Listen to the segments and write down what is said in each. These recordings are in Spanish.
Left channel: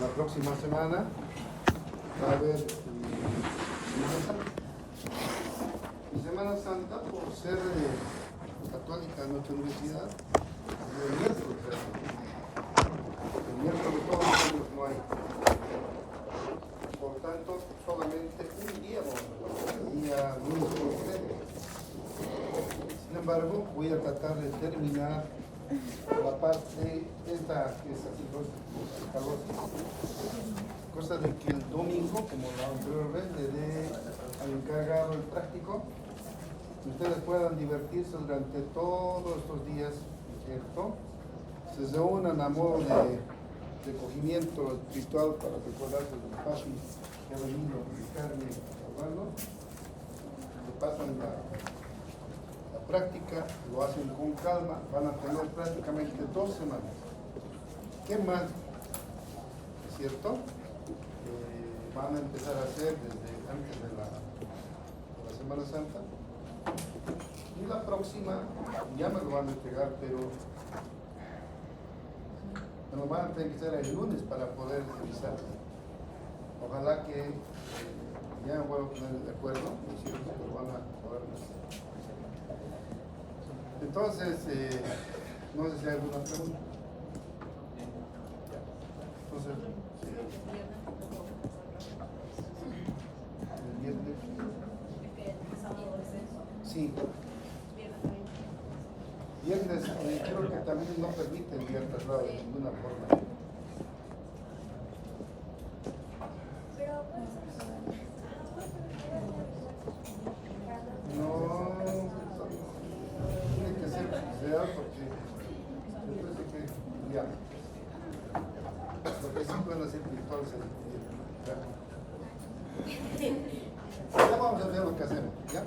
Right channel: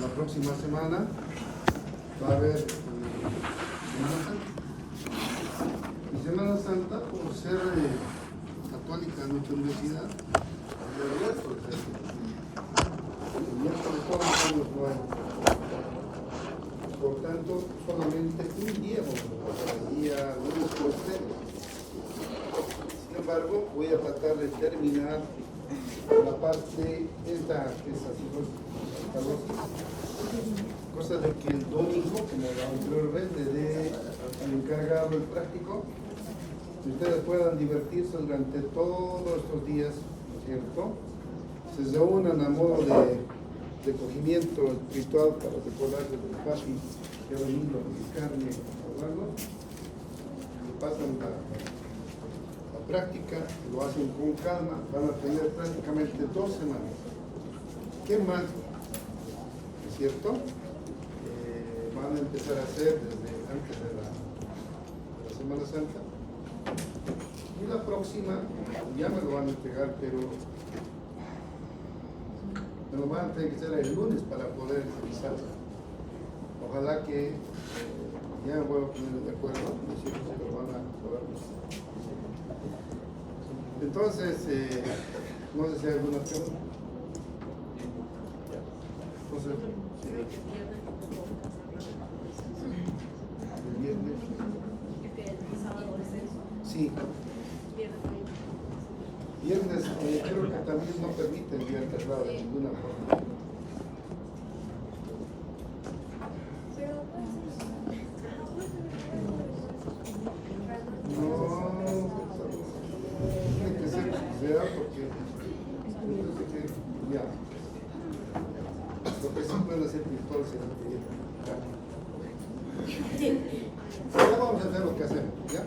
La próxima semana va a haber Semana Santa. Y Semana Santa, por ser católica en nuestra universidad, el miércoles todos estamos nuevos. Por tanto, solamente un día vamos a pasar el día lunes con ustedes. Sin embargo, voy a tratar de terminar la parte esta que es así, cosa de que el domingo, como la anterior vez, le dé al encargado el práctico, que ustedes puedan divertirse durante todos estos días, ¿no es cierto? Se reúnan a modo de cogimiento espiritual para recordarse del papi que ha venido a visitarme a Orlando. Le pasan la práctica, lo hacen con calma, van a tener prácticamente 2 semanas. ¿Qué más? ¿Es cierto? Van a empezar a hacer desde antes de la Semana Santa. Y la próxima, ya me lo van a entregar, pero me lo van a tener que hacer el lunes para poder revisar. Ojalá que ya me voy a poner de acuerdo, ¿no es cierto? Que lo van a poder hacer. Entonces, no sé si hay alguna pregunta. Entonces, el viernes. Sí. Viernes, creo que también no permite enviar traslado de ninguna forma. No, tiene que ser real porque entonces que ya. Lo que sí pueden hacer virtuales ya vamos a hacer lo que hacemos, ¿ya?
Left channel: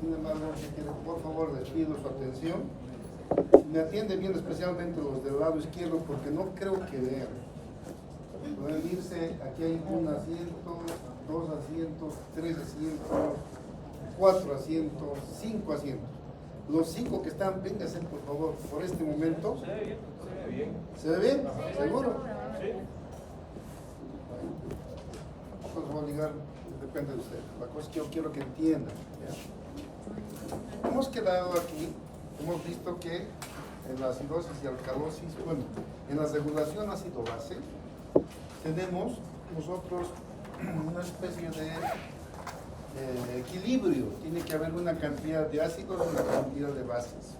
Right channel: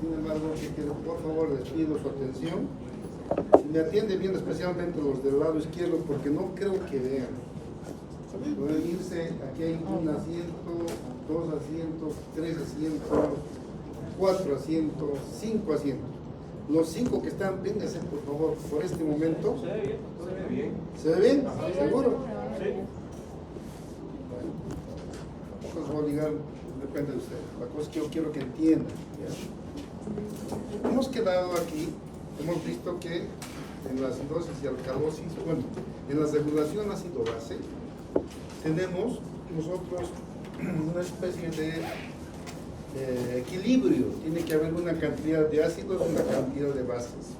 Sin embargo, por favor, les pido su atención. Si me atienden bien, especialmente los del lado izquierdo, porque no creo que vean. Pueden irse, aquí hay un asiento, 2 asientos, 3 asientos, 4 asientos, 5 asientos. Los 5 que están, vénganse por favor, por este momento. Se ve bien. ¿Se ve bien? ¿Seguro? Sí. Bueno, tampoco les voy a obligar, depende de ustedes. La cosa es que yo quiero que entiendan, ¿ya? Hemos quedado aquí, hemos visto que en la acidosis y alcalosis, bueno, en la regulación ácido base, tenemos nosotros una especie de equilibrio. Tiene que haber una cantidad de ácidos y una cantidad de bases.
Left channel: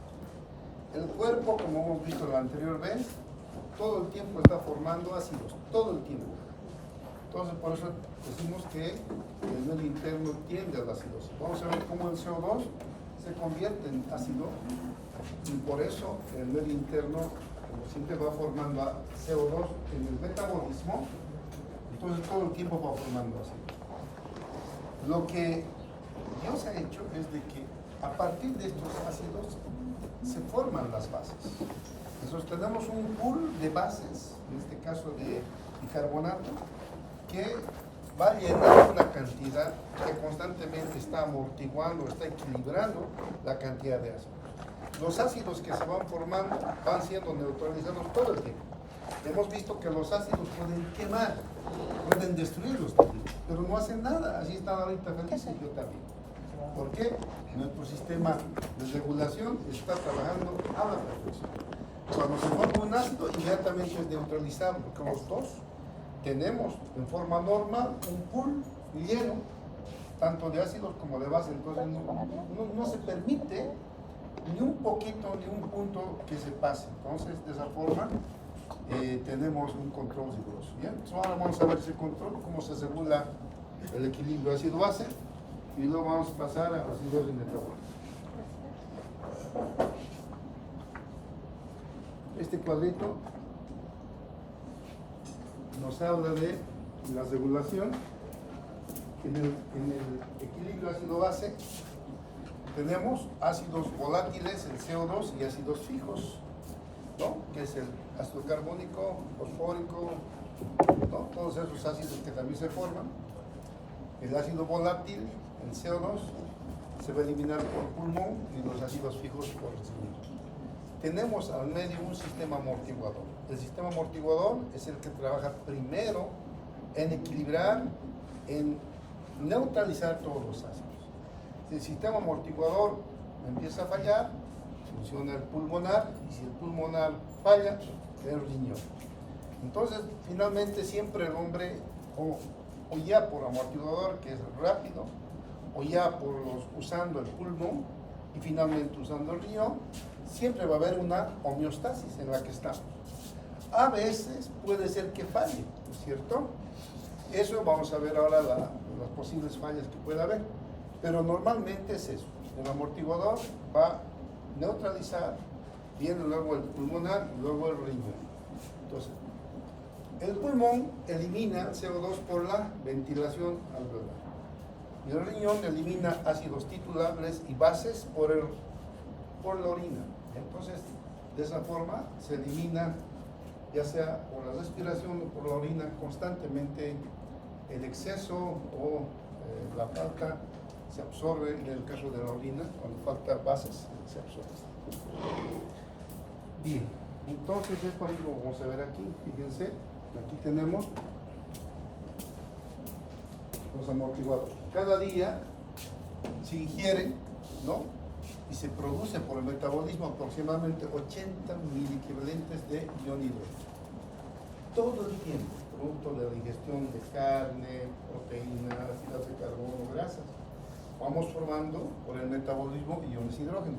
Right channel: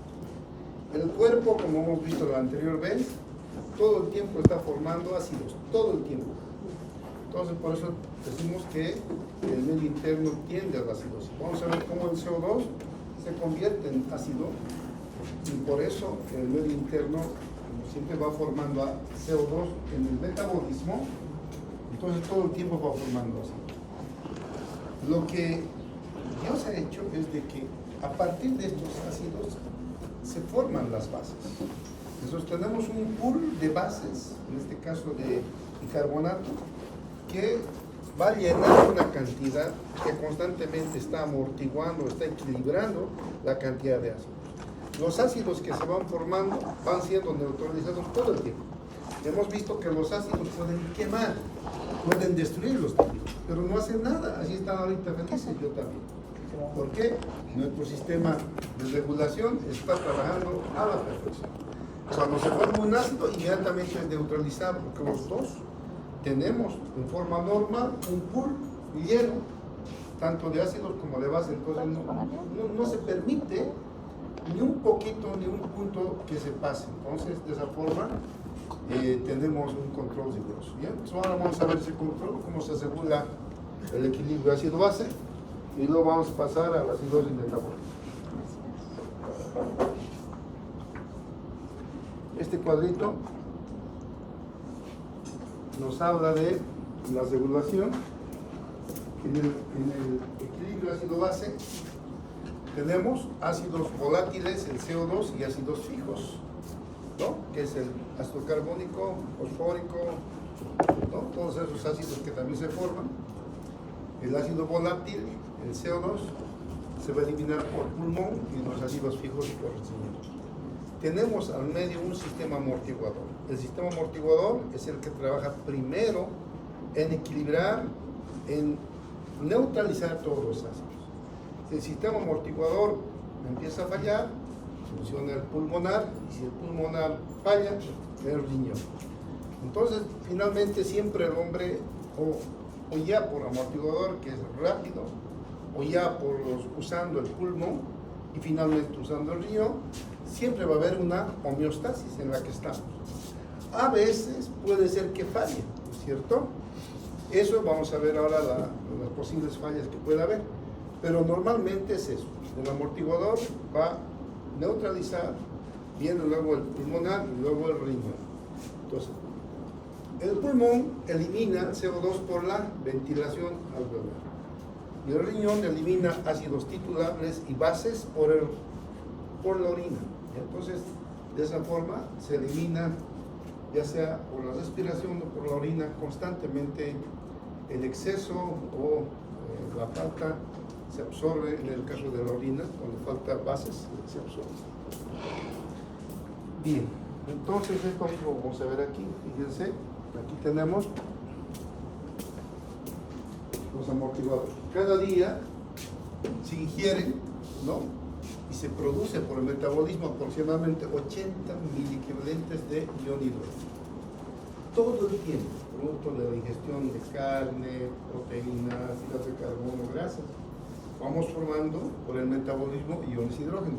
El cuerpo, como hemos visto la anterior vez, todo el tiempo está formando ácidos, todo el tiempo. Entonces, por eso decimos que el medio interno tiende a la acidosis. Vamos a ver cómo el CO2 se convierte en ácido y por eso el medio interno, como siempre, va formando CO2 en el metabolismo. Entonces, todo el tiempo va formando ácido. Lo que Dios ha hecho es de que a partir de estos ácidos se forman las bases. Entonces tenemos un pool de bases, en este caso de bicarbonato, que va a llenar una cantidad que constantemente está amortiguando, está equilibrando la cantidad de ácidos. Los ácidos que se van formando van siendo neutralizados todo el tiempo. Hemos visto que los ácidos pueden quemar, pueden destruirlos también, pero no hacen nada. Así están ahorita felices, yo también. ¿Por qué? Nuestro sistema de regulación está trabajando a la perfección. Cuando se forma un ácido, inmediatamente es neutralizado, porque los dos tenemos en forma normal un pool lleno, tanto de ácidos como de base. Entonces no se permite ni un poquito, ni un punto que se pase. Entonces, de esa forma, tenemos un control riguroso. ¿Bien? Ahora vamos a ver ese control, cómo se regula el equilibrio ácido-base, y luego vamos a pasar a la acidosis metabólica. Este cuadrito nos habla de la regulación. En el equilibrio ácido-base tenemos ácidos volátiles, el CO2, y ácidos fijos, ¿no? Que es el ácido carbónico, fosfórico, ¿no? Todos esos ácidos que también se forman. El ácido volátil, el CO2, se va a eliminar por pulmón y los ácidos fijos por el riñón. Tenemos al medio un sistema amortiguador. el sistema amortiguador es el que trabaja primero en equilibrar, en neutralizar todos los ácidos. Si el sistema amortiguador empieza a fallar, funciona el pulmonar, y si el pulmonar falla, el riñón. Entonces, finalmente siempre el hombre, o ya por amortiguador, que es rápido, o ya usando el pulmón, y finalmente usando el riñón, siempre va a haber una homeostasis en la que estamos. A veces puede ser que falle, ¿no es cierto? Eso vamos a ver ahora las posibles fallas que pueda haber, pero normalmente es eso. El amortiguador va a neutralizar, viene luego el pulmonar y luego el riñón. Entonces, el pulmón elimina CO2 por la ventilación alveolar y el riñón elimina ácidos titulares y bases por la orina. Entonces, de esa forma se elimina, ya sea por la respiración o por la orina, constantemente el exceso o la falta se absorbe. En el caso de la orina, cuando falta bases, se absorbe. Bien, entonces esto mismo vamos a ver aquí, fíjense, aquí tenemos los amortiguadores. Cada día se ingieren, ¿no? Y se produce por el metabolismo aproximadamente 80 miliequivalentes de ion hidrógeno. Todo el tiempo, producto de la ingestión de carne, proteínas, hidratos de carbono, grasas, vamos formando por el metabolismo iones hidrógeno.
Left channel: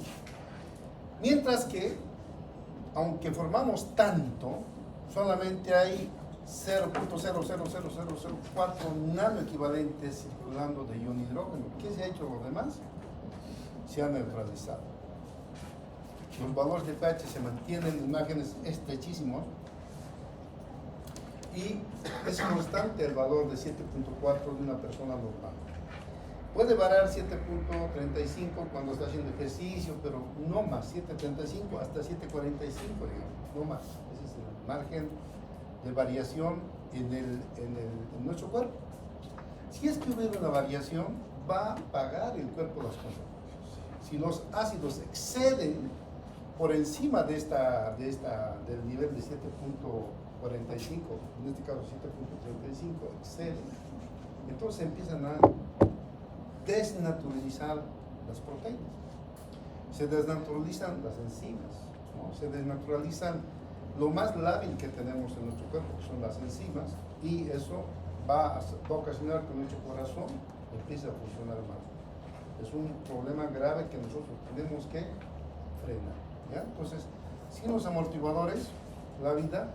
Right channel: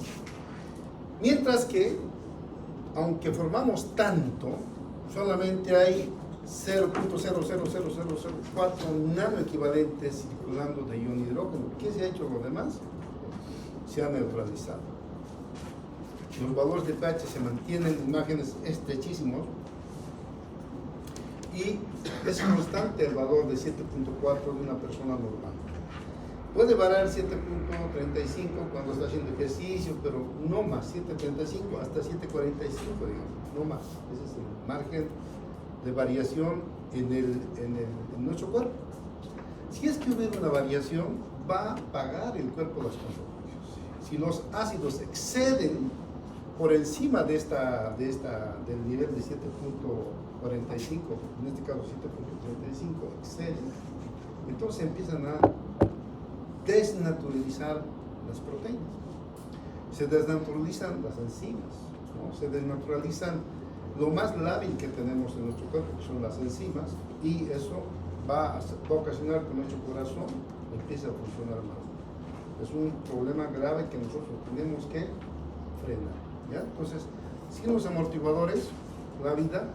Mientras que, aunque formamos tanto, solamente hay 0.00004 nanoequivalentes circulando de ion hidrógeno. ¿Qué se ha hecho lo demás? Se ha neutralizado. Los valores de pH se mantienen en márgenes estrechísimos y es constante el valor de 7.4 de una persona normal. Puede variar 7.35 cuando está haciendo ejercicio, pero no más, 7.35 hasta 7.45, no más. Ese es el margen de variación en nuestro cuerpo. Si es que hubiera una variación, va a pagar el cuerpo las consecuencias. Si los ácidos exceden por encima del nivel de 7.45, en este caso 7.35, exceden, entonces empiezan a desnaturalizar las proteínas. Se desnaturalizan las enzimas, ¿no? Se desnaturalizan lo más lábil que tenemos en nuestro cuerpo, que son las enzimas, y eso va a ocasionar que nuestro corazón empiece a funcionar mal. Es un problema grave que nosotros tenemos que frenar, ¿ya? Entonces, sin los amortiguadores, la vida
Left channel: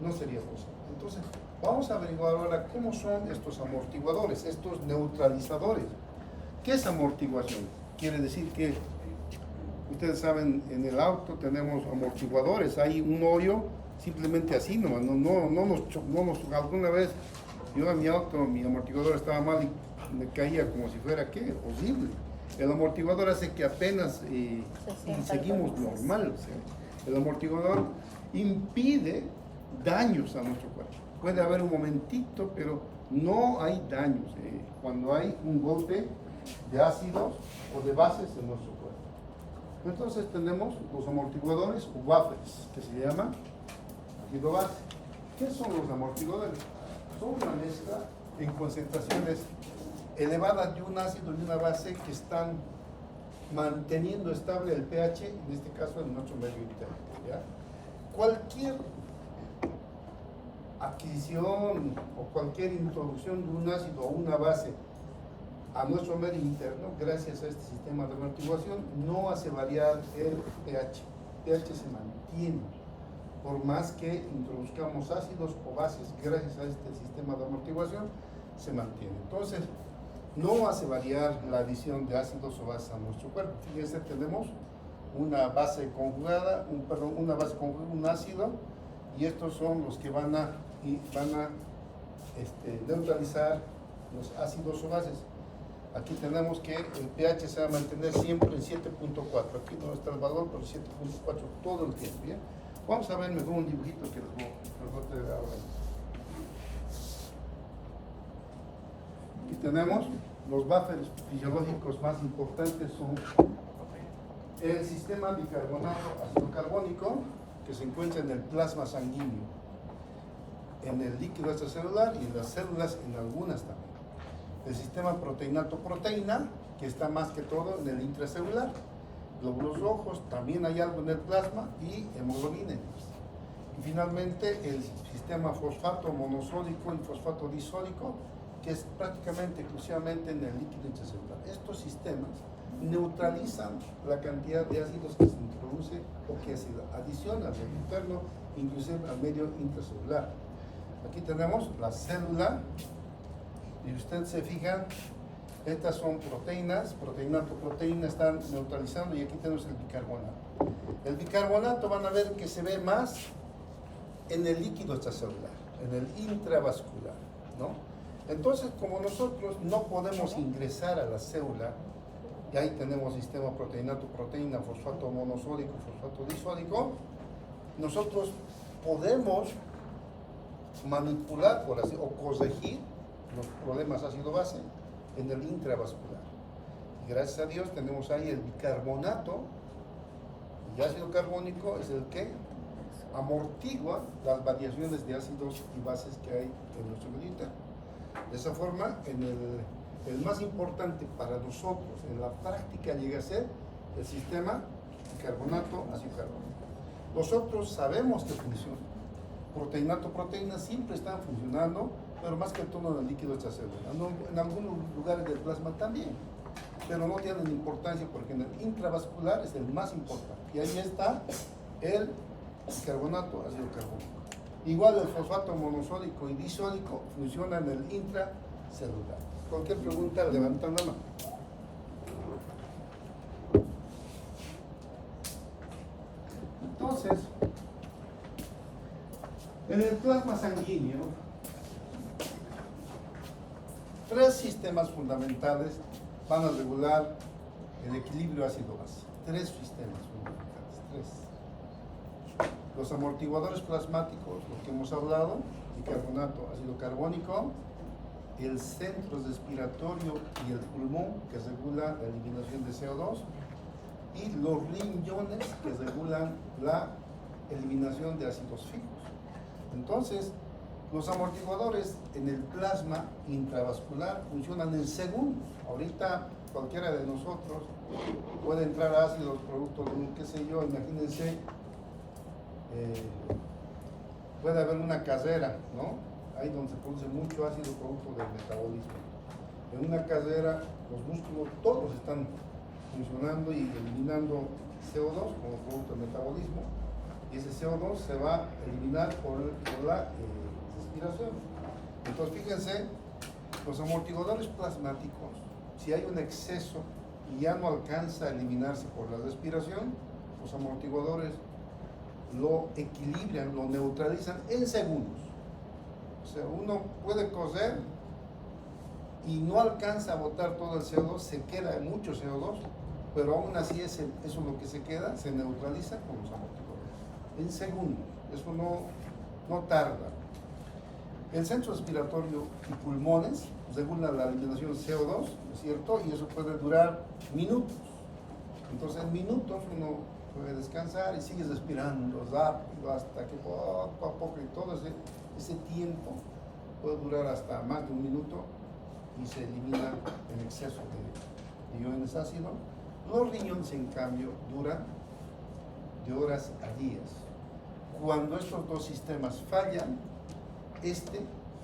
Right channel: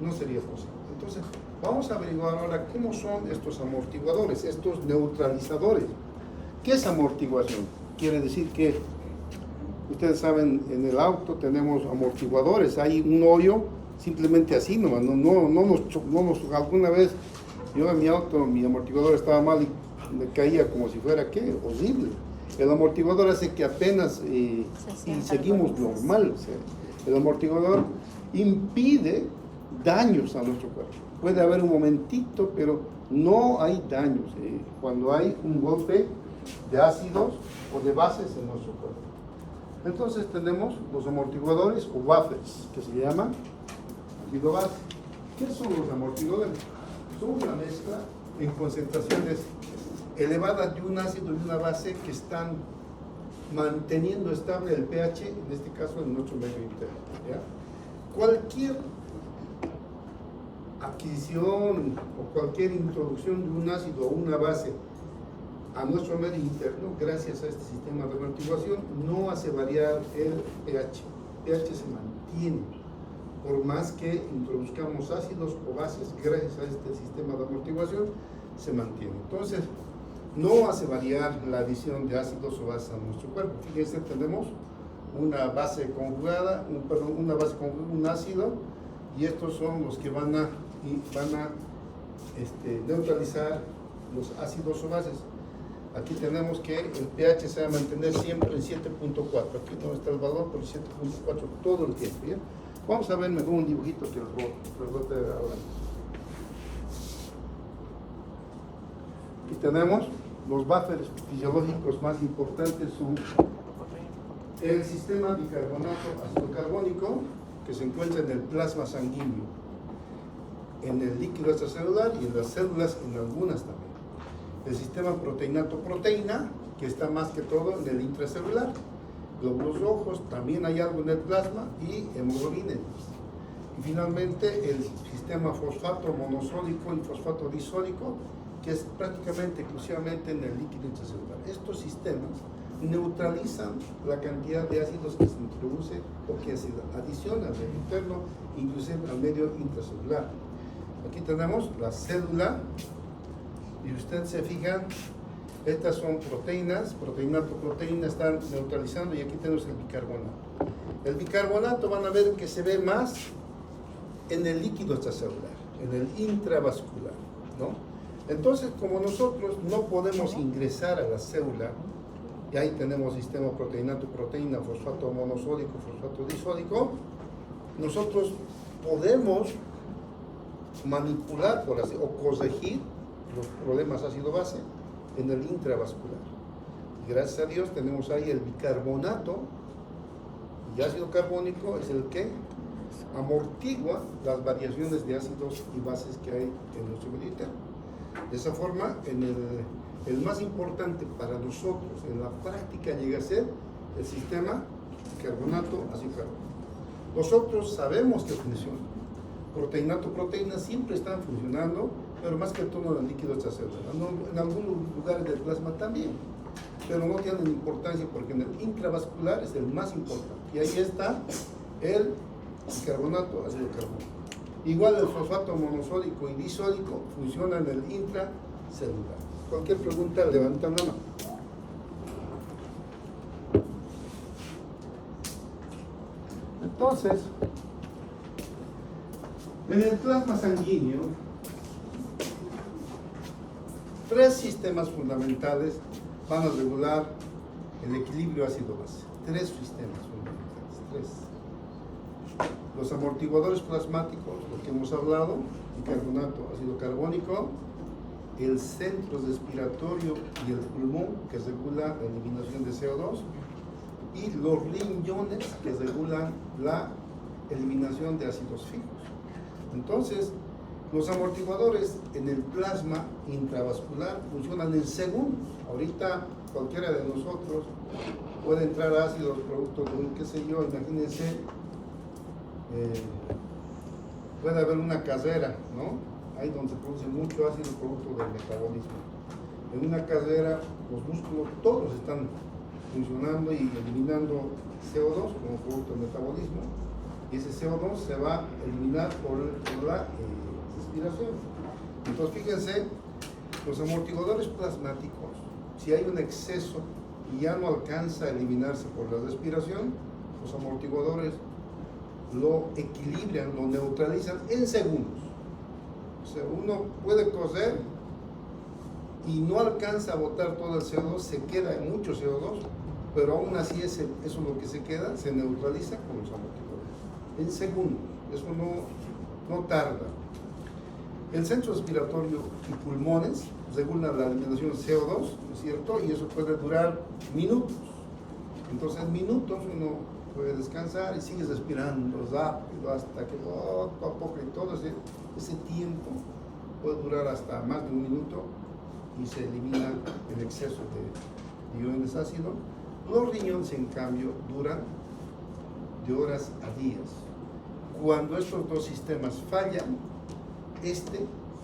no sería posible. Entonces, vamos a averiguar ahora cómo son estos amortiguadores, estos neutralizadores. ¿Qué es amortiguación? Quiere decir que, ustedes saben, en el auto tenemos amortiguadores, hay un hoyo simplemente así nomás, alguna vez yo en mi auto, mi amortiguador estaba mal y me caía como si fuera, ¿qué? Horrible. El amortiguador hace que apenas seguimos normal, o sea, el amortiguador impide daños a nuestro cuerpo. Puede haber un momentito, pero no hay daños cuando hay un golpe de ácidos o de bases en nuestro cuerpo. Entonces tenemos los amortiguadores o buffers, que se llaman ácido base. ¿Qué son los amortiguadores? Son una mezcla en concentraciones elevadas de un ácido y una base que están manteniendo estable el pH, en este caso en nuestro medio interno, ¿ya? Cualquier adquisición o cualquier introducción de un ácido o una base a nuestro medio interno, gracias a este sistema de amortiguación, no hace variar el pH. El pH se mantiene, por más que introduzcamos ácidos o bases, gracias a este sistema de amortiguación, se mantiene. Entonces, no hace variar la adición de ácidos o bases a nuestro cuerpo. Fíjense, tenemos una base conjugada, un ácido, y estos son los que van a neutralizar los ácidos o bases. Aquí tenemos que el pH se va a mantener siempre en 7.4. Aquí no está el valor, pero 7.4 todo el tiempo, ¿ya? Vamos a ver mejor un dibujito que les voy a traer ahora. Aquí tenemos los buffers fisiológicos más importantes, son el sistema bicarbonato ácido carbónico, que se encuentra en el plasma sanguíneo, en el líquido extracelular y en las células, en algunas también. El sistema proteinato-proteína, que está más que todo en el intracelular. Glóbulos rojos, también hay algo en el plasma, y hemoglobinas. Y finalmente el sistema fosfato monosódico y fosfato disódico, que es prácticamente exclusivamente en el líquido intracelular. Estos sistemas neutralizan la cantidad de ácidos que se introduce o que se adiciona del interno, inclusive al medio intracelular. Aquí tenemos la célula, y usted se fija, estas son proteínas, proteína están neutralizando, y aquí tenemos el bicarbonato. El bicarbonato van a ver que se ve más en el líquido extracelular, en el intravascular, ¿no? Entonces, como nosotros no podemos ingresar a la célula, y ahí tenemos sistema proteinato-proteína, fosfato monosódico, fosfato disódico, nosotros podemos manipular, por así, o corregir los problemas ácido-base en el intravascular. Y gracias a Dios tenemos ahí el bicarbonato, y ácido carbónico es el que amortigua las variaciones de ácidos y bases que hay en nuestro medio interno. De esa forma, el más importante para nosotros en la práctica llega a ser el sistema bicarbonato, ácido carbónico. Nosotros sabemos que funciona. Proteinato-proteína siempre están funcionando, pero más que todo en el líquido extracelular. En algunos lugares del plasma también, pero no tienen importancia porque en el intravascular es el más importante. Y ahí está el bicarbonato, ácido carbónico. Igual el fosfato monosódico y disódico funciona en el intracelular. Cualquier pregunta, levantan la mano. Entonces, en el plasma sanguíneo, tres sistemas fundamentales van a regular el equilibrio ácido-base. Tres sistemas fundamentales, tres. Los amortiguadores plasmáticos, lo que hemos hablado, bicarbonato, ácido carbónico, el centro respiratorio y el pulmón, que regula la eliminación de CO2, y los riñones, que regulan la eliminación de ácidos fijos. Entonces, los amortiguadores en el plasma intravascular funcionan en segundos. Ahorita cualquiera de nosotros puede entrar ácidos producto de un, qué sé yo, imagínense, puede haber una casera, ¿no? Ahí donde se produce mucho ácido producto del metabolismo. En una casera los músculos todos están funcionando y eliminando CO2 como producto del metabolismo, y ese CO2 se va a eliminar por la respiración. Entonces fíjense, los amortiguadores plasmáticos, si hay un exceso y ya no alcanza a eliminarse por la respiración, los amortiguadores lo equilibran, lo neutralizan en segundos. O sea, uno puede coser y no alcanza a botar todo el CO2, se queda mucho CO2, pero aún así eso es lo que se queda, se neutraliza con los amortiguadores. En segundos, eso no tarda. El centro respiratorio y pulmones regulan la eliminación de CO2, ¿no es cierto? Y eso puede durar minutos. Entonces en minutos uno puede descansar y sigue respirando rápido hasta que poco a poco, y todo ese tiempo puede durar hasta más de un minuto y se elimina el exceso de iones ácidos. Los riñones, en cambio, duran de horas a días. Cuando estos dos sistemas fallan,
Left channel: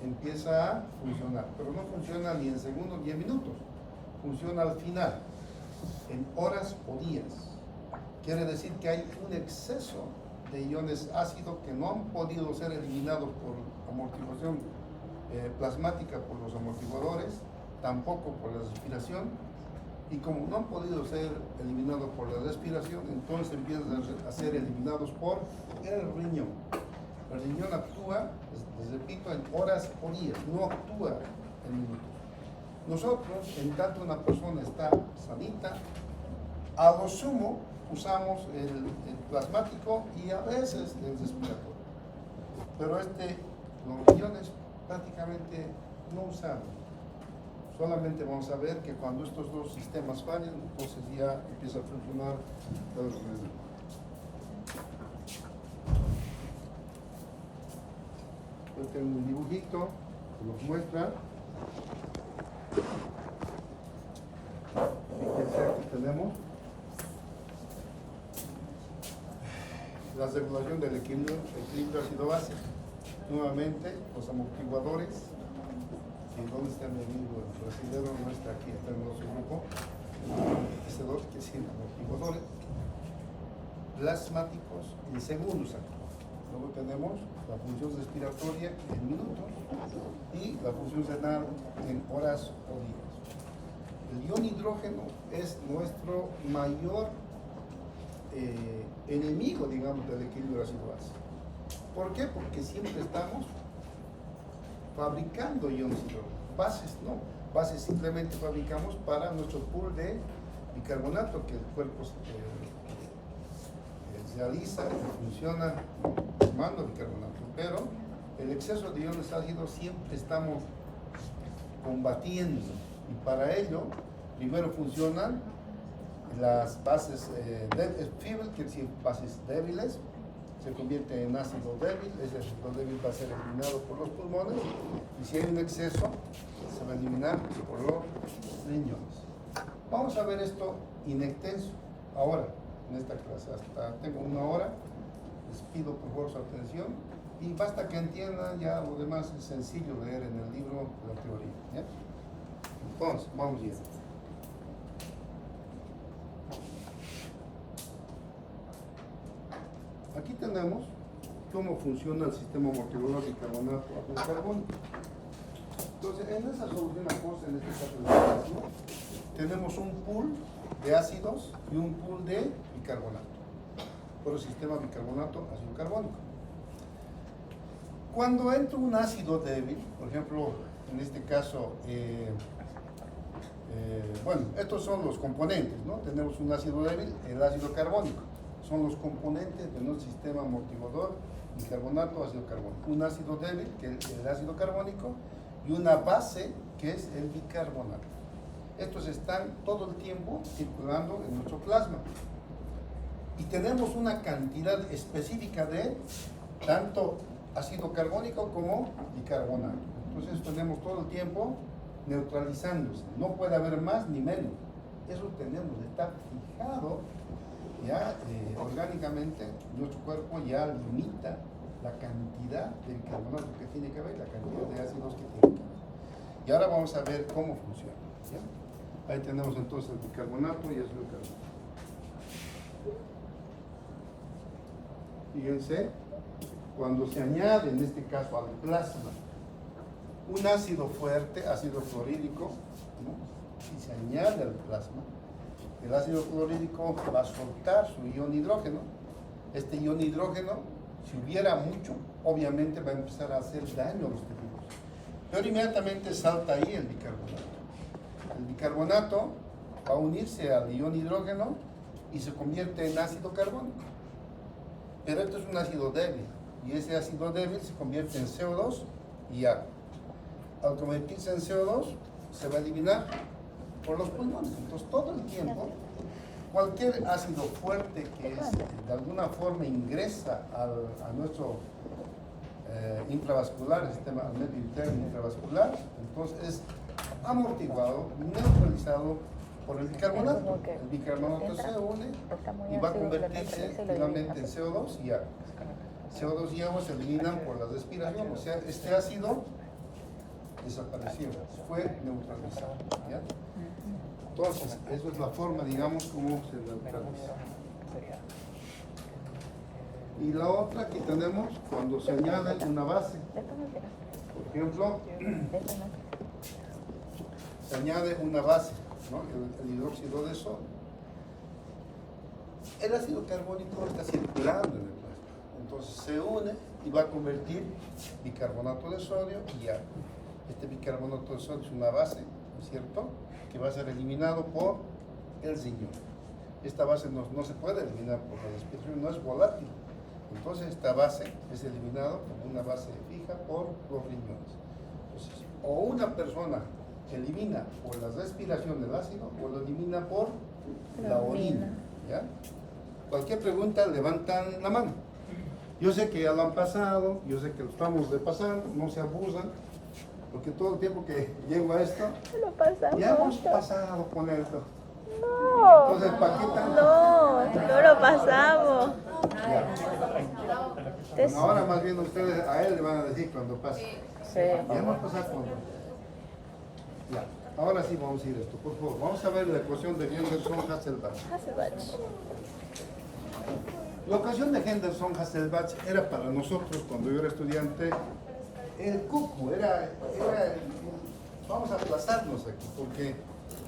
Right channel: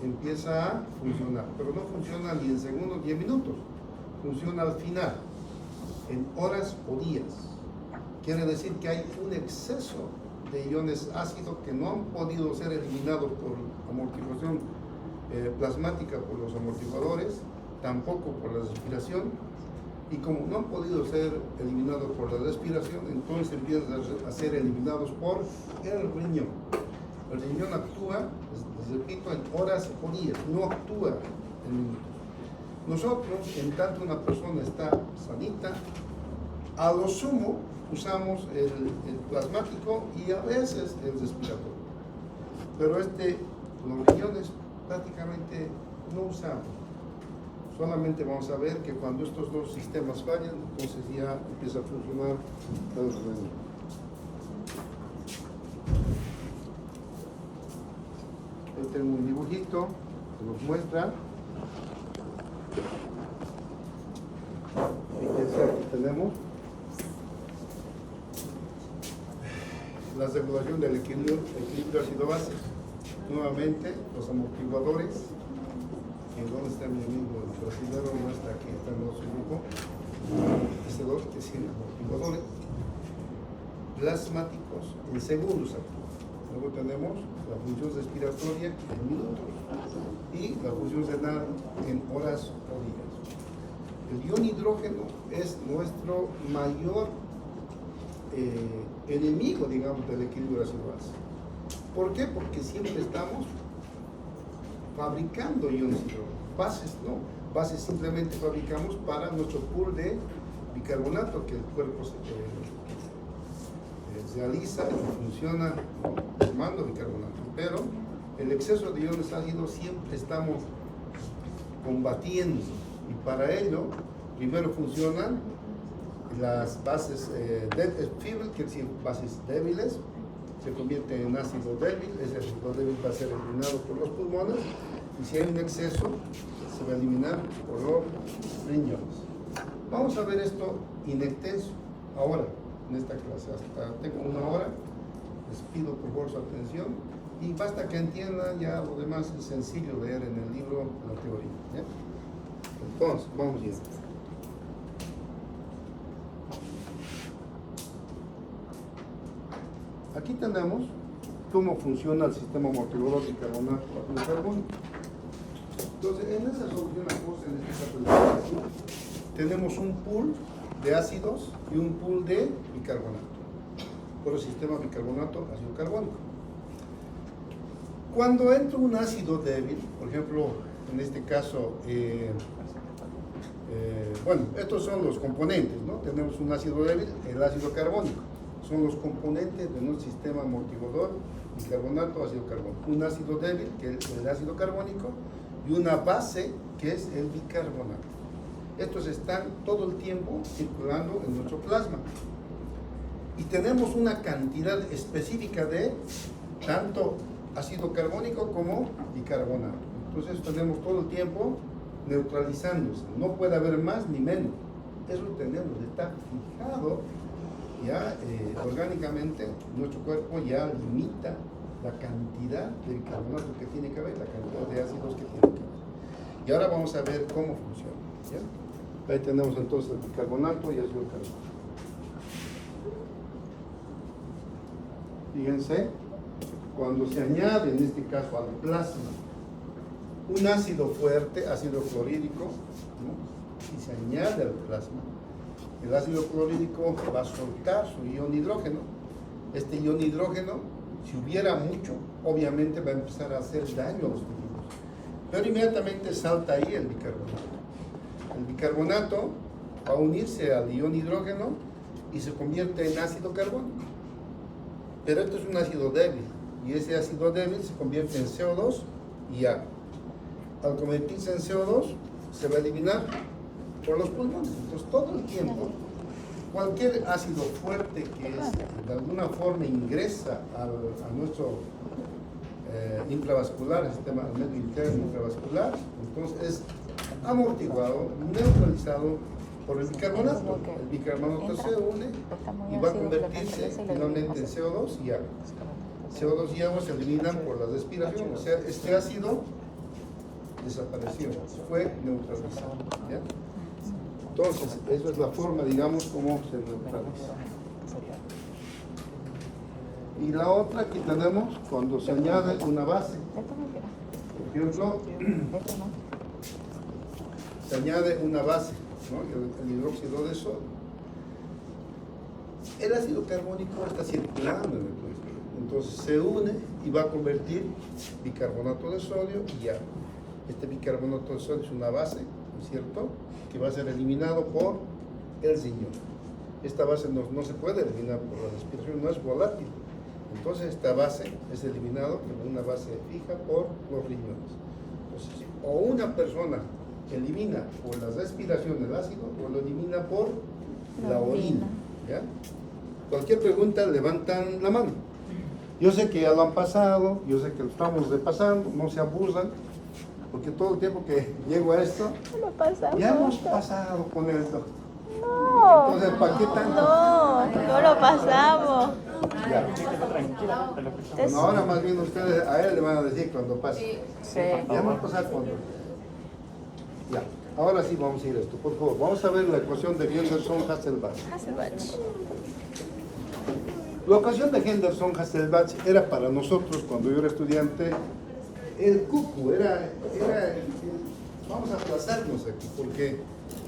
empieza a funcionar, pero no funciona ni en segundos ni en minutos, funciona al final, en horas o días. Quiere decir que hay un exceso de iones ácidos que no han podido ser eliminados por amortiguación plasmática por los amortiguadores, tampoco por la respiración, y como no han podido ser eliminados por la respiración, entonces empiezan a ser eliminados por el riñón. El riñón actúa, les repito, en horas o días, no actúa en minutos. Nosotros, en tanto una persona está sanita, a lo sumo usamos el plasmático y a veces el respiratorio. Pero los riñones prácticamente no usamos. Solamente vamos a ver que cuando estos dos sistemas fallan, entonces ya empieza a funcionar el riñón. tengo un dibujito que nos muestra. Aquí tenemos la regulación del equilibrio ácido-base. Nuevamente, los amortiguadores. ¿Dónde está mi amigo? El brasilero no está aquí, está en nuestro grupo. Que es amortiguadores plasmáticos en segundos aquí. Luego tenemos la función respiratoria en minutos y la función renal en horas o días. El ion hidrógeno es nuestro mayor enemigo, digamos, del equilibrio ácido-base. ¿Por qué? Porque siempre estamos fabricando iones hidrógeno. Bases no, bases simplemente fabricamos para nuestro pool de bicarbonato que el cuerpo realiza y funciona formando bicarbonato. Pero el exceso de iones ácidos siempre estamos combatiendo, y para ello primero funcionan las bases feeble, que son bases débiles, se convierte en ácido débil. Ese ácido débil va a ser eliminado por los pulmones, y si hay un exceso se va a eliminar por los riñones. Vamos a ver esto in extenso ahora en esta clase. Hasta tengo 1 hora, les pido por favor su atención y basta que entiendan. Ya lo demás es sencillo leer en el libro la teoría, ¿ya? Entonces, vamos bien. Aquí tenemos cómo funciona el sistema amortiguador de bicarbonato ácido carbónico. Entonces, en esa solución acuosa, en este caso tenemos un pool de ácidos y un pool de bicarbonato, por el sistema bicarbonato ácido carbónico. Cuando entra un ácido débil, por ejemplo, en este caso, bueno, estos son los componentes, ¿no? Tenemos un ácido débil, el ácido carbónico. Son los componentes de nuestro sistema amortiguador bicarbonato ácido carbónico. Un ácido débil, que es el ácido carbónico, y una base, que es el bicarbonato. Estos están todo el tiempo circulando en nuestro plasma. Y tenemos una cantidad específica de tanto ácido carbónico como bicarbonato. Entonces tenemos todo el tiempo neutralizándose. No puede haber más ni menos. Eso tenemos, está fijado ya orgánicamente. Nuestro cuerpo ya limita la cantidad de bicarbonato que tiene que haber, la cantidad de ácidos que tiene que haber. Y ahora vamos a ver cómo funciona, ¿sí? Ahí tenemos entonces el bicarbonato y ácido carbónico. Fíjense, cuando se añade, en este caso al plasma, un ácido fuerte, ácido clorhídrico, ¿no? Y se añade al plasma, el ácido clorhídrico va a soltar su ion hidrógeno. Este ion hidrógeno, si hubiera mucho, obviamente va a empezar a hacer daño a los tejidos, pero inmediatamente salta ahí el bicarbonato. El bicarbonato va a unirse al ion hidrógeno y se convierte en ácido carbónico. Pero esto es un ácido débil, y ese ácido débil se convierte en CO2 y agua. Al convertirse en CO2, se va a eliminar por los pulmones. Entonces, todo el tiempo, cualquier ácido fuerte que de alguna forma ingresa a nuestro intravascular, el sistema al medio interno intravascular, entonces es amortiguado, neutralizado por el bicarbonato. El bicarbonato se une y va a convertirse finalmente en CO2 y agua. CO2 y agua se eliminan por la respiración, o sea, este ácido desapareció, fue neutralizado, ¿ya? Entonces, esa es la forma, digamos, como se neutraliza. Y la otra que tenemos, cuando se añade una base, por ejemplo, se añade una base, ¿no? El hidróxido de sodio. El ácido carbónico está circulando en el plasma, entonces se une y va a convertir bicarbonato de sodio y agua. Este bicarbonato de sodio es una base, ¿no es cierto?, que va a ser eliminado por el riñón. Esta base no se puede eliminar por la respiración, no es volátil. Entonces esta base es eliminada como una base fija por los riñones. Entonces, o una persona elimina por la respiración el ácido o lo elimina por la orina, ¿ya? Cualquier pregunta, levantan la mano. Yo sé que ya lo han pasado, yo sé que lo estamos repasando, no se abusan, porque todo el tiempo que llego a esto, ya hemos pasado con el doctor. No, Entonces, ¿para qué tanto? no lo pasamos. Ya. Bueno, ahora más bien ustedes a él le van a decir cuando pase. Ya va a pasar cuando. Ya. Ahora sí vamos a ir a esto, por favor. Vamos a ver la ecuación de Henderson-Hasselbalch. La ecuación de Henderson-Hasselbalch era para nosotros, cuando yo era estudiante, el cucu, vamos a aplazarnos aquí, porque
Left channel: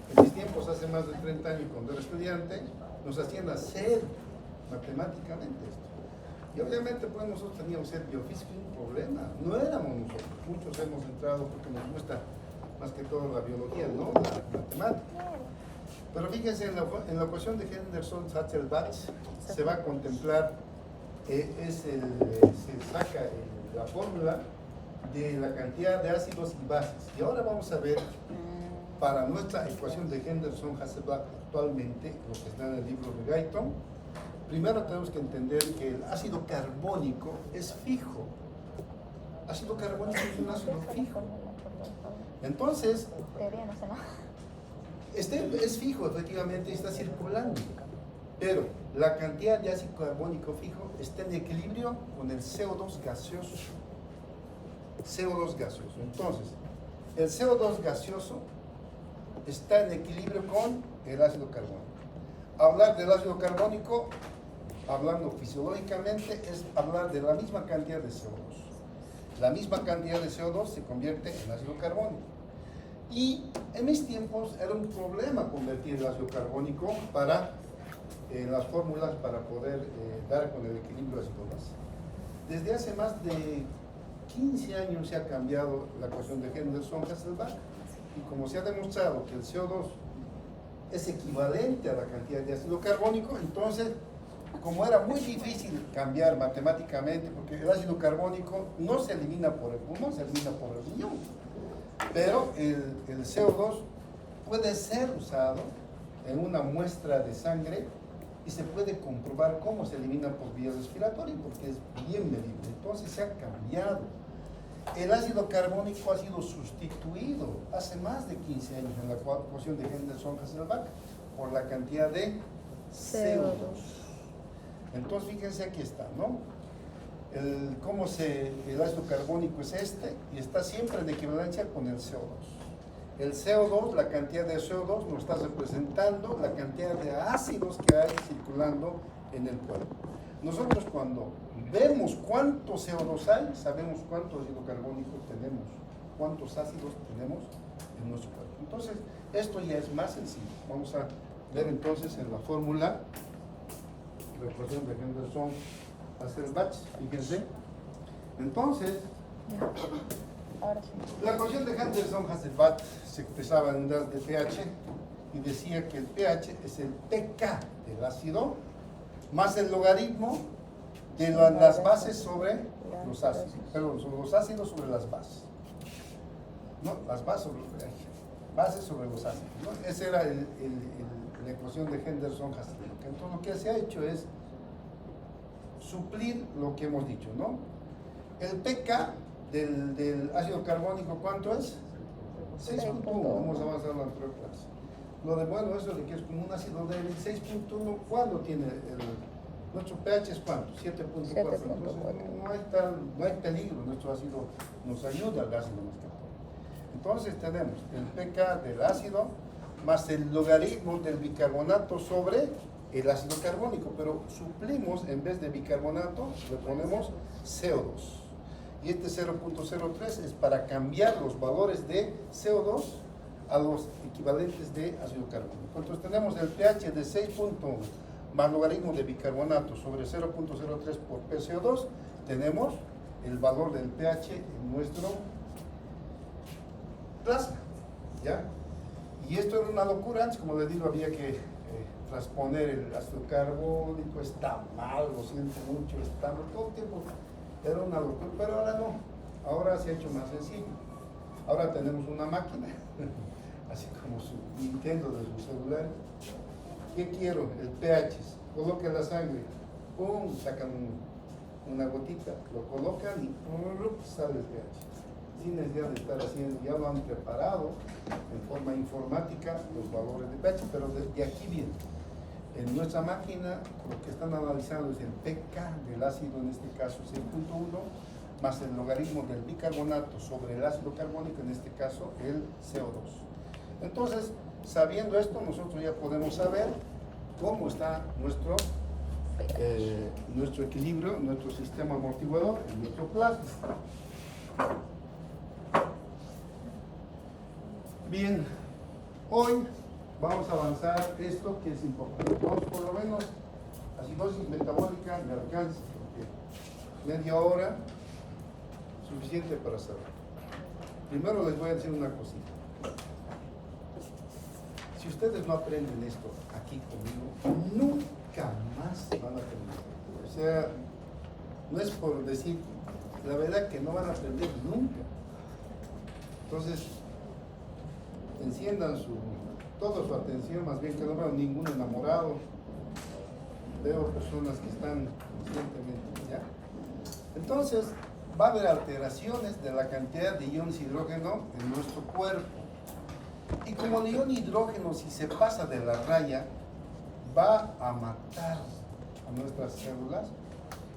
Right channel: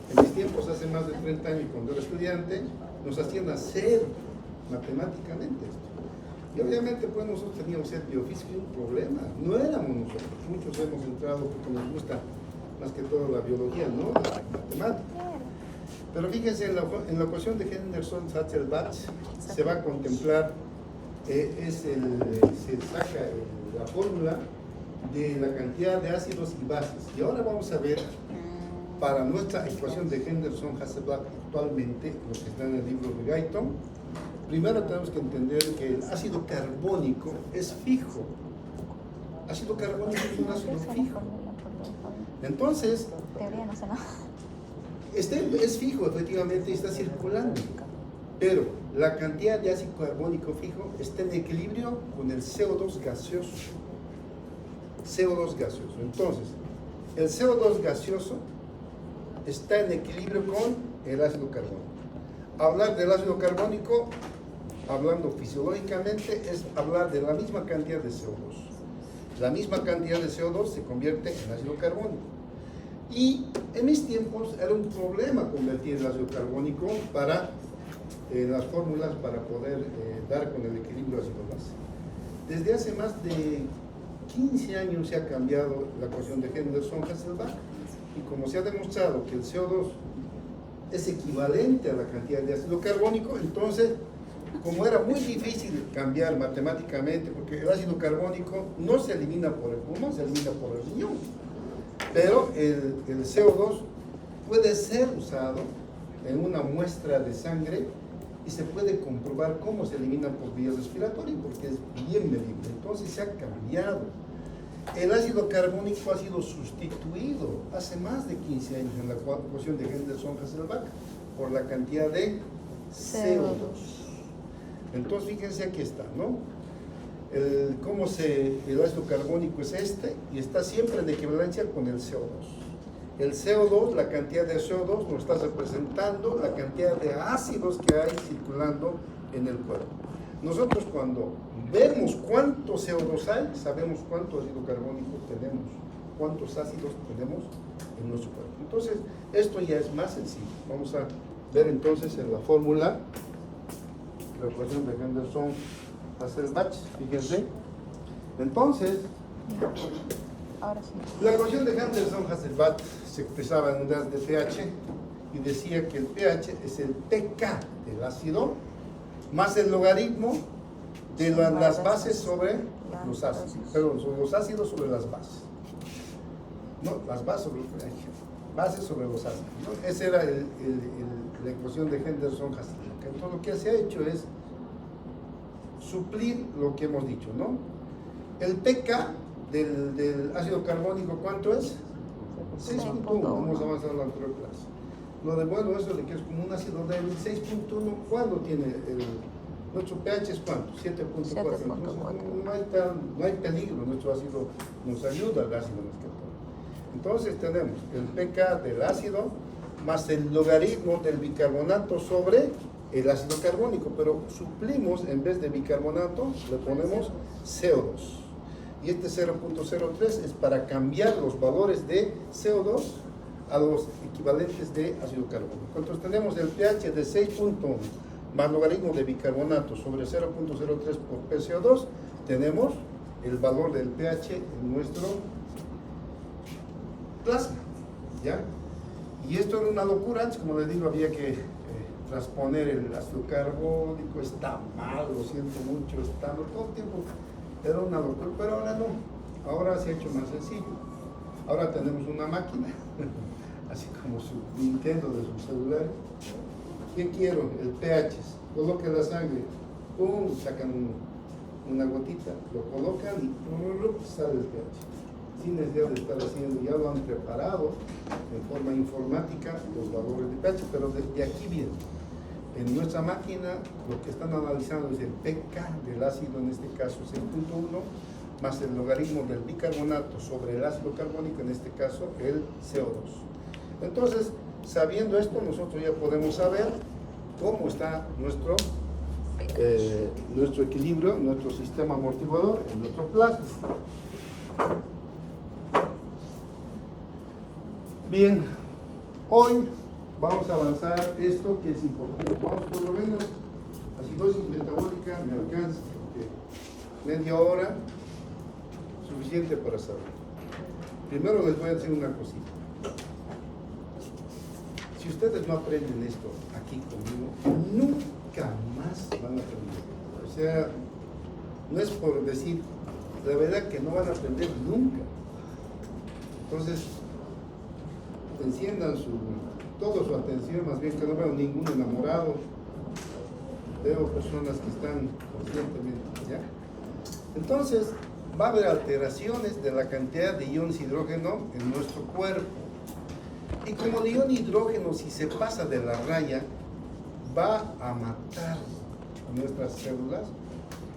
en mis tiempos, hace más de 30 años, cuando era estudiante, nos hacían hacer matemáticamente esto. Y obviamente, pues nosotros teníamos que ser biofísicos sin problema. No éramos nosotros, muchos hemos entrado porque nos gusta más que todo la biología, no la matemática. Pero fíjense, en la ecuación de Henderson-Hasselbalch se va a contemplar, se saca la fórmula de la cantidad de ácidos y bases. Y ahora vamos a ver, para nuestra ecuación de Henderson-Hasselbalch actualmente, lo que está en el libro de Guyton, primero tenemos que entender que el ácido carbónico es fijo. Ácido carbónico es un ácido fijo. Entonces, es fijo, efectivamente, está circulando, pero la cantidad de ácido carbónico fijo está en equilibrio con el CO2 gaseoso. CO2 gaseoso. Entonces, el CO2 gaseoso está en equilibrio con el ácido carbónico. Hablar del ácido carbónico, hablando fisiológicamente, es hablar de la misma cantidad de CO2. La misma cantidad de CO2 se convierte en ácido carbónico. Y en mis tiempos era un problema convertir el ácido carbónico para las fórmulas para poder dar con el equilibrio ácido-base. Desde hace más de 15 años se ha cambiado la ecuación de Henderson-Hasselbalch, y como se ha demostrado que el CO2 es equivalente a la cantidad de ácido carbónico, entonces, como era muy difícil cambiar matemáticamente, porque el ácido carbónico no se elimina por el pulmón, se elimina por el riñón, pero el CO2 puede ser usado en una muestra de sangre y se puede comprobar cómo se elimina por vías respiratorias, porque es bien medible. Entonces se ha cambiado. El ácido carbónico ha sido sustituido hace más de 15 años en la ecuación de Henderson-Hasselbalch por la cantidad de CO2. Entonces fíjense, aquí está, ¿no? El ácido carbónico es este, y está siempre en equivalencia con el CO2. El CO2, la cantidad de CO2 nos está representando la cantidad de ácidos que hay circulando en el cuerpo. Nosotros, cuando vemos cuánto CO2 hay, sabemos cuánto ácido carbónico tenemos, cuántos ácidos tenemos en nuestro cuerpo. Entonces, esto ya es más sencillo. Vamos a ver entonces en la fórmula, la ecuación de Henderson-Hasselbalch, fíjense. Entonces, la ecuación de Henderson-Hasselbalch se expresaba en unidades de pH y decía que el pH es el pK del ácido más el logaritmo de las bases sobre los ácidos, perdón, son los ácidos sobre las bases, ¿no? Las bases sobre el pH, bases sobre los ácidos, ¿no? Esa era la ecuación de Henderson-Hasselbalch. Entonces lo que se ha hecho es suplir lo que hemos dicho, ¿no? El pK del ácido carbónico, ¿cuánto es? 6.1, hemos avanzado en la anterior clase. Lo de bueno eso de que es como un ácido débil, 6.1, ¿cuándo tiene nuestro pH es cuánto? 7.4. Entonces no hay peligro, nuestro ácido nos ayuda al ácido más que todo. Entonces tenemos el pK del ácido más el logaritmo del bicarbonato sobre el ácido carbónico, pero suplimos, en vez de bicarbonato le ponemos CO2. Y este 0.03 es para cambiar los valores de CO2 a los equivalentes de ácido carbónico. Entonces tenemos el pH de 6.1 más logaritmo de bicarbonato sobre 0.03 por PCO2, tenemos el valor del pH en nuestro plasma, ¿ya? Y esto era una locura. Antes, como les digo, había que transponer el ácido carbónico, está mal, lo siente mucho, está mal, todo el tiempo era una locura, pero ahora no, ahora se ha hecho más sencillo. Ahora tenemos una máquina, así como su Nintendo de sus celulares. ¿Qué quiero? El pH, coloque la sangre, ¡pum!, sacan una gotita, lo colocan y sale el pH. Sin necesidad de estar haciendo, ya lo han preparado en forma informática los valores de pH, pero de aquí viene. En nuestra máquina lo que están analizando es el pK del ácido, en este caso 6.1, más el logaritmo del bicarbonato sobre el ácido carbónico, en este caso el CO2. Entonces, sabiendo esto, nosotros ya podemos saber cómo está nuestro equilibrio, nuestro sistema amortiguador, en nuestro plasma. Bien, hoy vamos a avanzar esto que es importante. Vamos por lo menos acidosis metabólica, me alcanza, porque media hora suficiente para saber. Primero les voy a decir una cosita. Si ustedes no aprenden esto aquí conmigo, nunca más van a aprender. O sea, no es por decir, la verdad que no van a aprender nunca. Entonces, enciendan toda su atención, más bien que no veo ningún enamorado, veo personas que están conscientemente, ¿ya? Entonces, va a haber alteraciones de la cantidad de iones hidrógeno en nuestro cuerpo. Y como el ion hidrógeno, si se pasa de la raya, va a matar a nuestras células,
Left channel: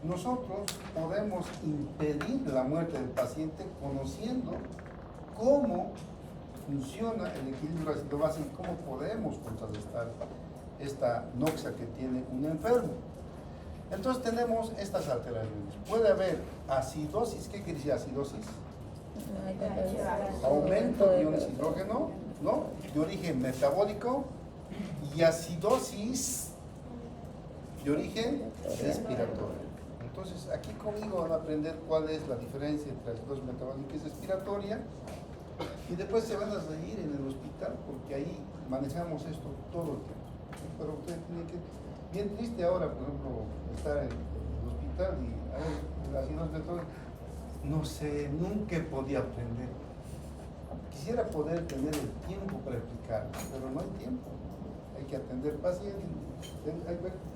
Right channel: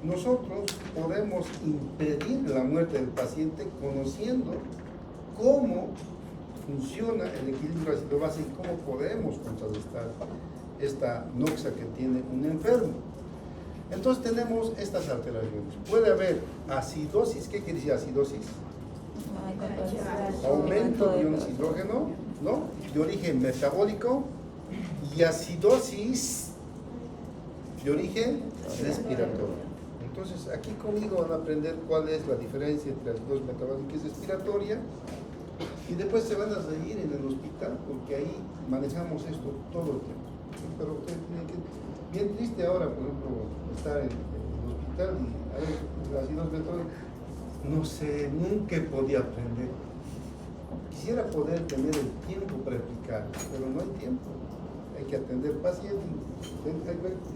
nosotros podemos impedir la muerte del paciente conociendo cómo funciona el equilibrio ácido-base y cómo podemos contrarrestar esta noxa que tiene un enfermo. Entonces tenemos estas alteraciones. Puede haber acidosis. ¿Qué quiere decir acidosis? Aumento de iones hidrógeno, ¿no? De origen metabólico, y acidosis de origen respiratorio. Entonces aquí conmigo van a aprender cuál es la diferencia entre acidosis metabólica y respiratoria, y después se van a reír en el hospital porque ahí manejamos esto todo el tiempo. Pero ustedes tienen que, bien triste ahora, por ejemplo, estar en el hospital y hay la acidosis metabólica. No sé, nunca podía aprender. Quisiera poder tener el tiempo para explicar, pero no hay tiempo. Hay que atender pacientes.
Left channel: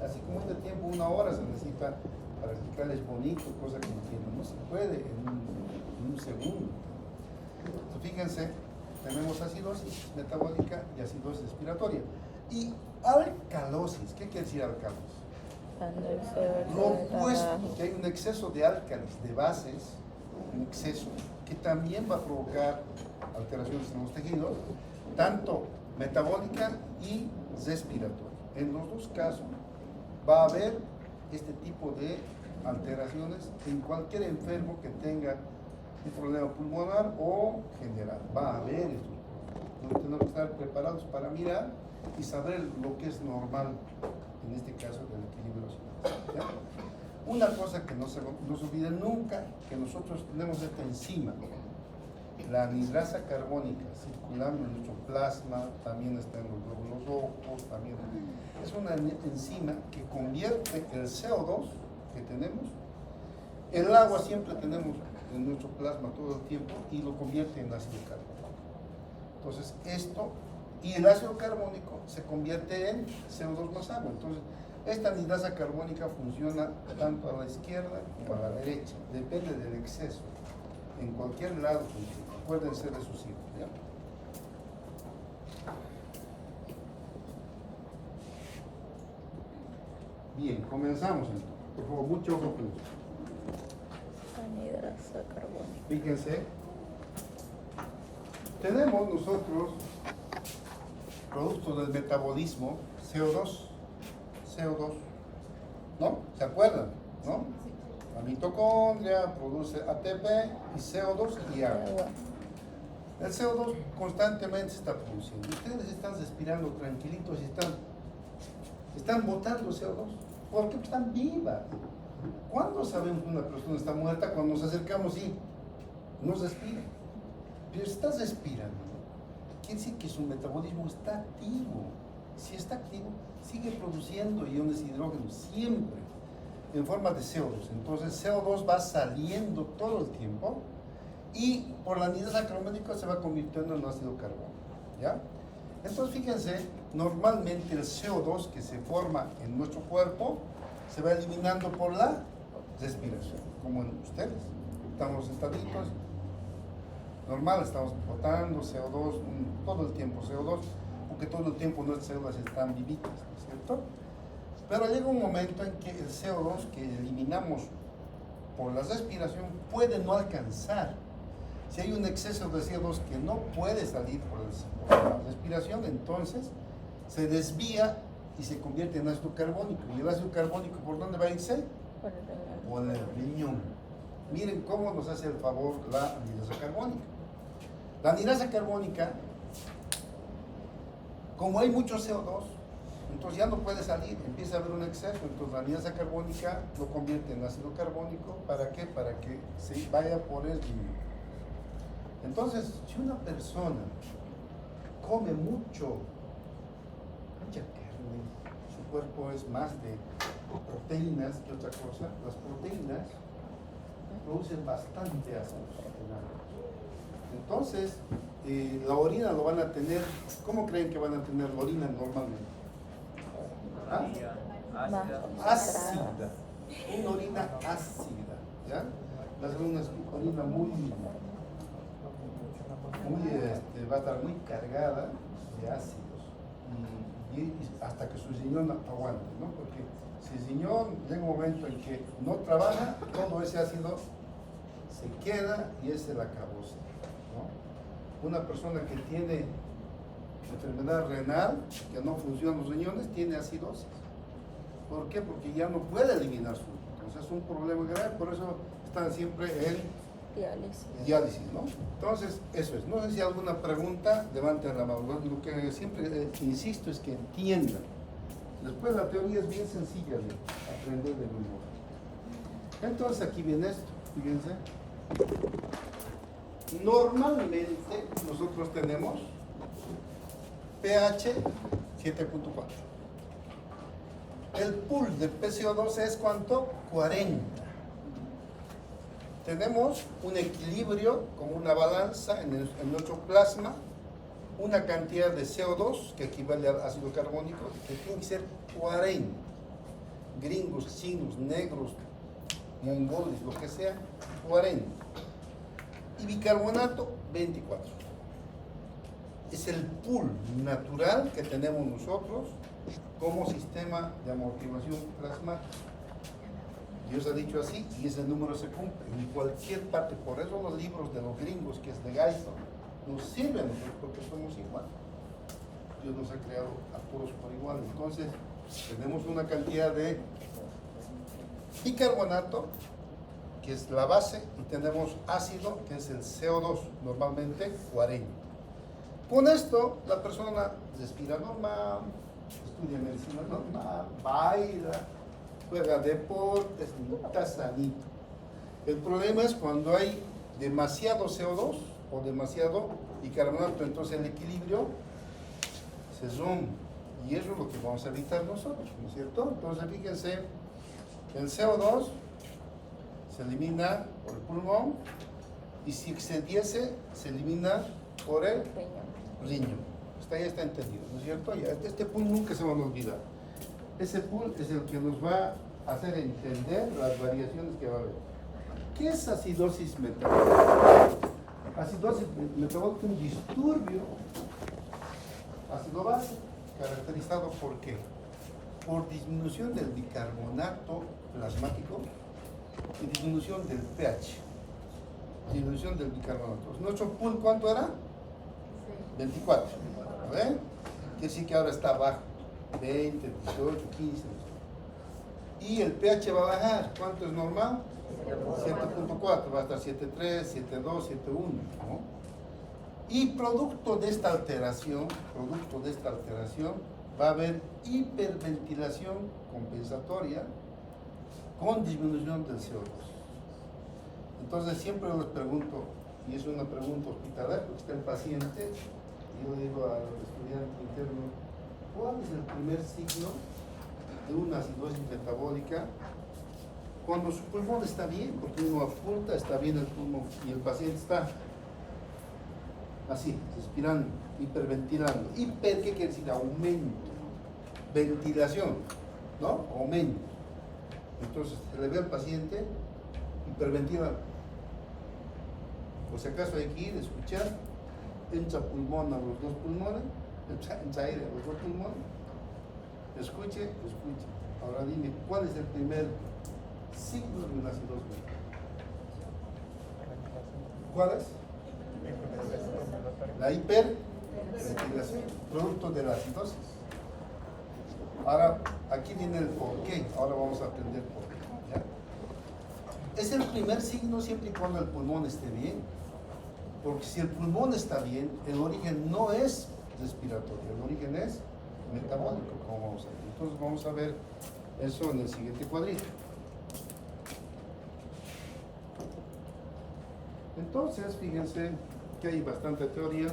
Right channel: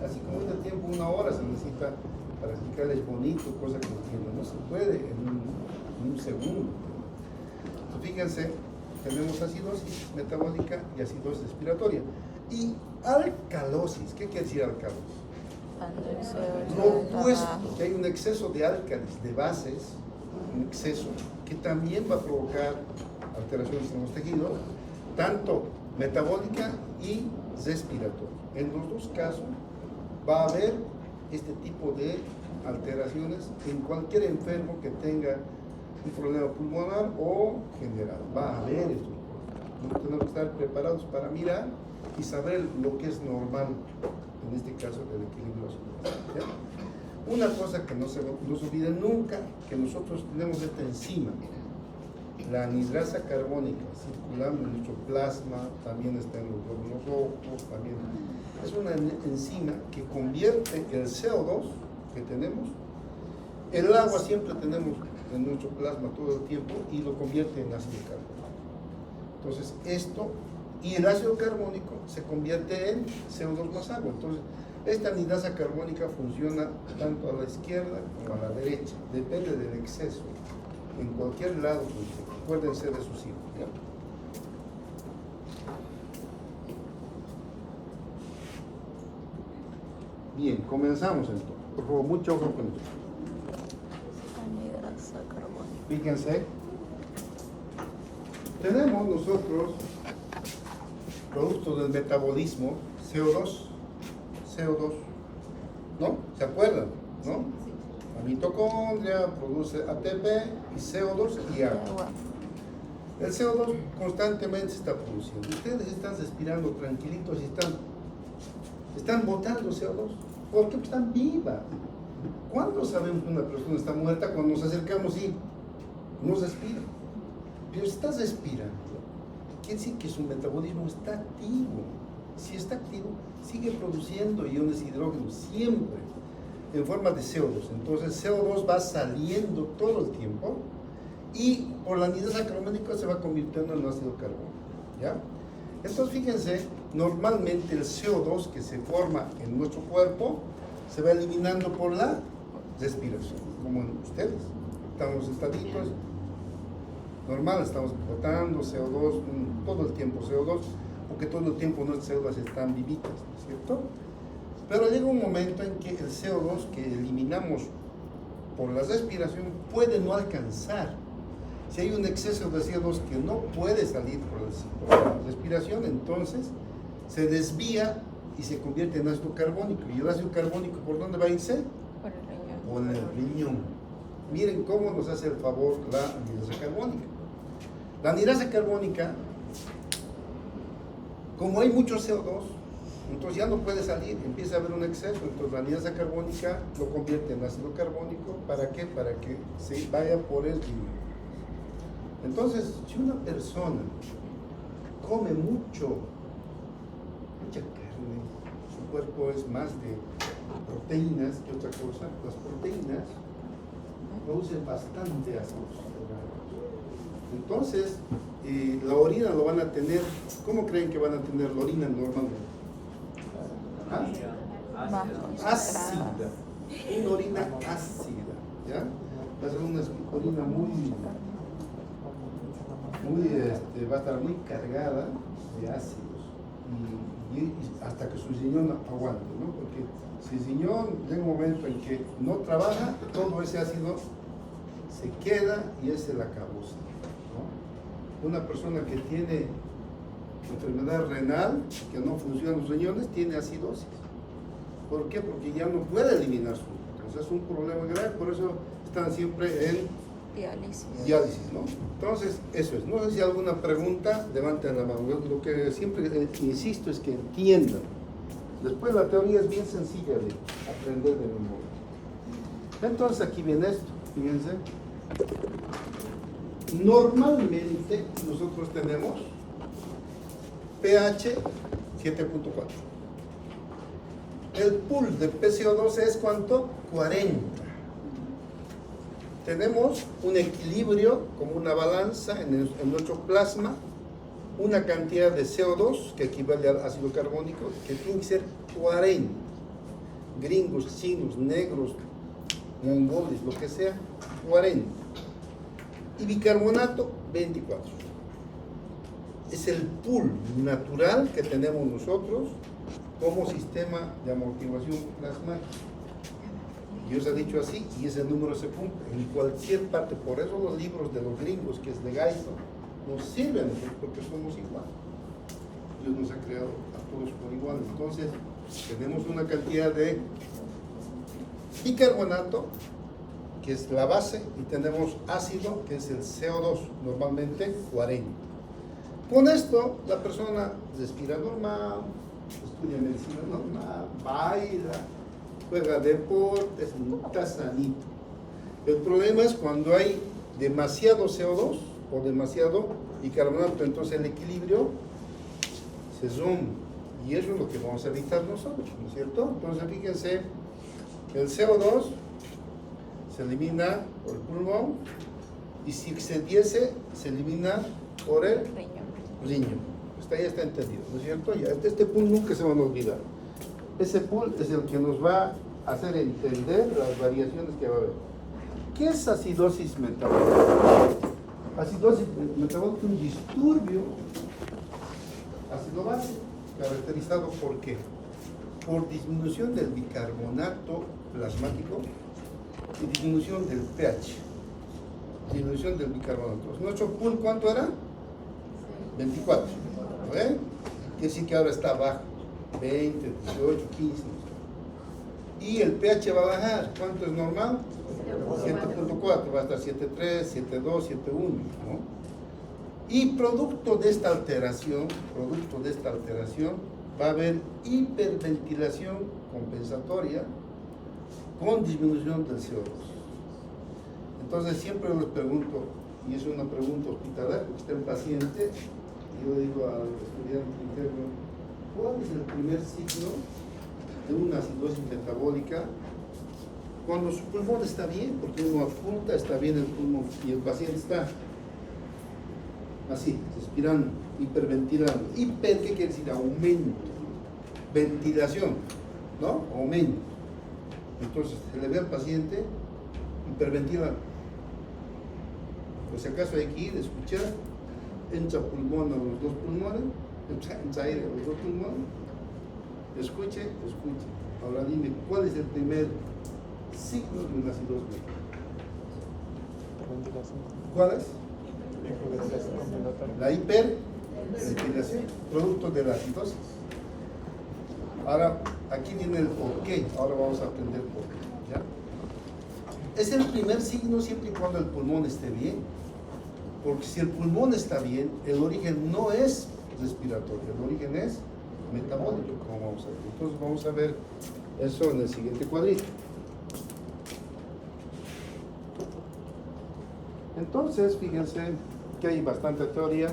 Así como este tiempo, 1 hora se necesita para explicarles bonito, cosas que entienden. No se puede en un segundo. Entonces, fíjense, tenemos acidosis metabólica y acidosis respiratoria. Y alcalosis, ¿qué quiere decir alcalosis? Lo opuesto, que hay un exceso de álcalis, de bases, un exceso, que también va a provocar alteraciones en los tejidos, tanto metabólica y respiratoria. En los dos casos va a haber este tipo de alteraciones en cualquier enfermo que tenga un problema pulmonar o general. Va a haber estos problemas. Tenemos que estar preparados para mirar y saber lo que es normal, en este caso del equilibrio ácido. Una cosa que no se olvide nunca, que nosotros tenemos esta enzima, la anhidrasa carbónica, circulando en nuestro plasma, también está en los glóbulos rojos, también es una enzima que convierte el CO2 que tenemos, el agua siempre tenemos en nuestro plasma todo el tiempo, y lo convierte en ácido carbónico. Entonces esto, y el ácido carbónico se convierte en CO2 más agua. Entonces esta anhidrasa carbónica funciona tanto a la izquierda como a la derecha, depende del exceso. En cualquier lado funciona. Acuérdense de sus hijos, ¿ya? Bien, comenzamos entonces. Por favor, mucho ojo con esto. Fíjense, tenemos nosotros productos del metabolismo, CO2, ¿no? ¿Se acuerdan? ¿No? La mitocondria produce ATP y CO2 y agua. El CO2 constantemente se está produciendo. Ustedes están respirando tranquilitos y están botando CO2. ¿Por qué? Pues están vivas. ¿Cuándo sabemos que una persona está muerta? Cuando nos acercamos y no respira. Pero está respirando. Quiere decir que su metabolismo está activo. Si está activo, sigue produciendo iones de hidrógeno siempre en forma de CO2. Entonces CO2 va saliendo todo el tiempo y por la anhidrasa carbónica se va convirtiendo en ácido carbónico, ¿ya? Entonces fíjense, normalmente el CO2 que se forma en nuestro cuerpo se va eliminando por la respiración, como en ustedes. Estamos sentaditos, normal, estamos botando CO2 todo el tiempo, CO2, porque todo el tiempo nuestras células están vivitas, ¿no es cierto? Pero llega un momento en que el CO2 que eliminamos por la respiración puede no alcanzar. Si hay un exceso de CO2 que no puede salir por la respiración, entonces se desvía y se convierte en ácido carbónico. ¿Y el ácido carbónico por dónde va a irse? Por el riñón. Miren cómo nos hace el favor la anhidrosa carbónica. La anhidrosa carbónica, como hay mucho CO2, entonces ya no puede salir, empieza a haber un exceso, entonces la anhidrosa carbónica lo convierte en ácido carbónico. ¿Para qué? Para que se vaya por el riñón. Entonces, si una persona come mucha carne, su cuerpo es más de proteínas que otra cosa, las proteínas producen bastante ácidos, ¿verdad? Entonces, la orina lo van a tener. ¿Cómo creen que van a tener la orina normalmente? ¿Ah? Ácida, una orina ácida, ¿ya? Va a ser una orina va a estar muy cargada de ácidos y hasta que su riñón aguante, ¿no? Porque si el riñón llega un momento en que no trabaja, todo ese ácido se queda y es el acabose, ¿no? Una persona que tiene enfermedad renal, que no funcionan los riñones, tiene acidosis. ¿Por qué? Porque ya no puede eliminar su. Entonces es un problema grave, por eso están siempre en diálisis, ¿no? Entonces, eso es. No sé si hay alguna pregunta, levanten la mano. Lo que siempre insisto es que entiendan. Después la teoría es bien sencilla de aprender de memoria. Entonces aquí viene esto, fíjense. Normalmente nosotros tenemos pH 7.4. El pool de PCO2 es ¿cuánto? 40. Tenemos un equilibrio como una balanza en nuestro plasma, una cantidad de CO2 que equivale al ácido carbónico que tiene que ser 40. Gringos, chinos, negros, mongoles, lo que sea, 40. Y bicarbonato, 24. Es el pool natural que tenemos nosotros como sistema de amortiguación plasmática. Dios ha dicho así y ese número se cumple en cualquier parte. Por eso los libros de los gringos, que es de Guyton, nos sirven a nosotros porque somos iguales. Dios nos ha creado a todos por igual. Entonces tenemos una cantidad de bicarbonato, que es la base, y tenemos ácido, que es el CO2, normalmente 40. Con esto la persona respira normal, estudia medicina normal, baila, juega deportes, está sanito. El problema es cuando hay demasiado CO2 o demasiado bicarbonato, entonces el equilibrio se rompe. Y eso es lo que vamos a evitar nosotros, ¿no es cierto? Entonces fíjense, el CO2 se elimina por el pulmón y si excediese se elimina por el riñón. Hasta ahí está entendido, ¿no es cierto? Ya, este pool nunca se van a olvidar. Ese pool es el que nos va a hacer entender las variaciones que va a haber. ¿Qué es acidosis metabólica? Acidosis metabólica es un disturbio ácido-base caracterizado por ¿qué? Por disminución del bicarbonato plasmático y disminución del pH. Disminución del bicarbonato. ¿Nuestro pool cuánto era? 24. ¿Ven? Quiere decir que ahora está bajo. 20, 18, 15. Y el pH va a bajar. ¿Cuánto es normal? 7.4. Va a estar 7.3, 7.2, 7.1. ¿no? Y producto de esta alteración, va a haber hiperventilación compensatoria con disminución del CO2. Entonces siempre les pregunto, y es una pregunta hospitalaria porque está el paciente, y yo digo al estudiante interno, ¿cuál es el primer signo de una acidosis metabólica? Cuando su pulmón está bien, porque uno oculta, está bien el pulmón, y el paciente está así, respirando, hiperventilando. Hiper, ¿qué quiere decir? Aumento. Ventilación, ¿no? Aumento. Entonces se le ve al paciente hiperventila. Por si acaso hay que ir, escuchar, entra pulmón a los dos pulmones, entra aire a los dos pulmones, escuche. Ahora dime, ¿cuál es el primer signo de una acidosis médica? ¿Cuál es? La hiperventilación, producto de la acidosis. Ahora, aquí viene el porqué. Ahora vamos a aprender por qué. ¿Ya? Es el primer signo siempre y cuando el pulmón esté bien. Porque si el pulmón está bien, el origen no es respiratorio, el origen es metabólico, como vamos a ver. Entonces vamos a ver eso en el siguiente cuadrito. Entonces, fíjense que hay bastante teoría.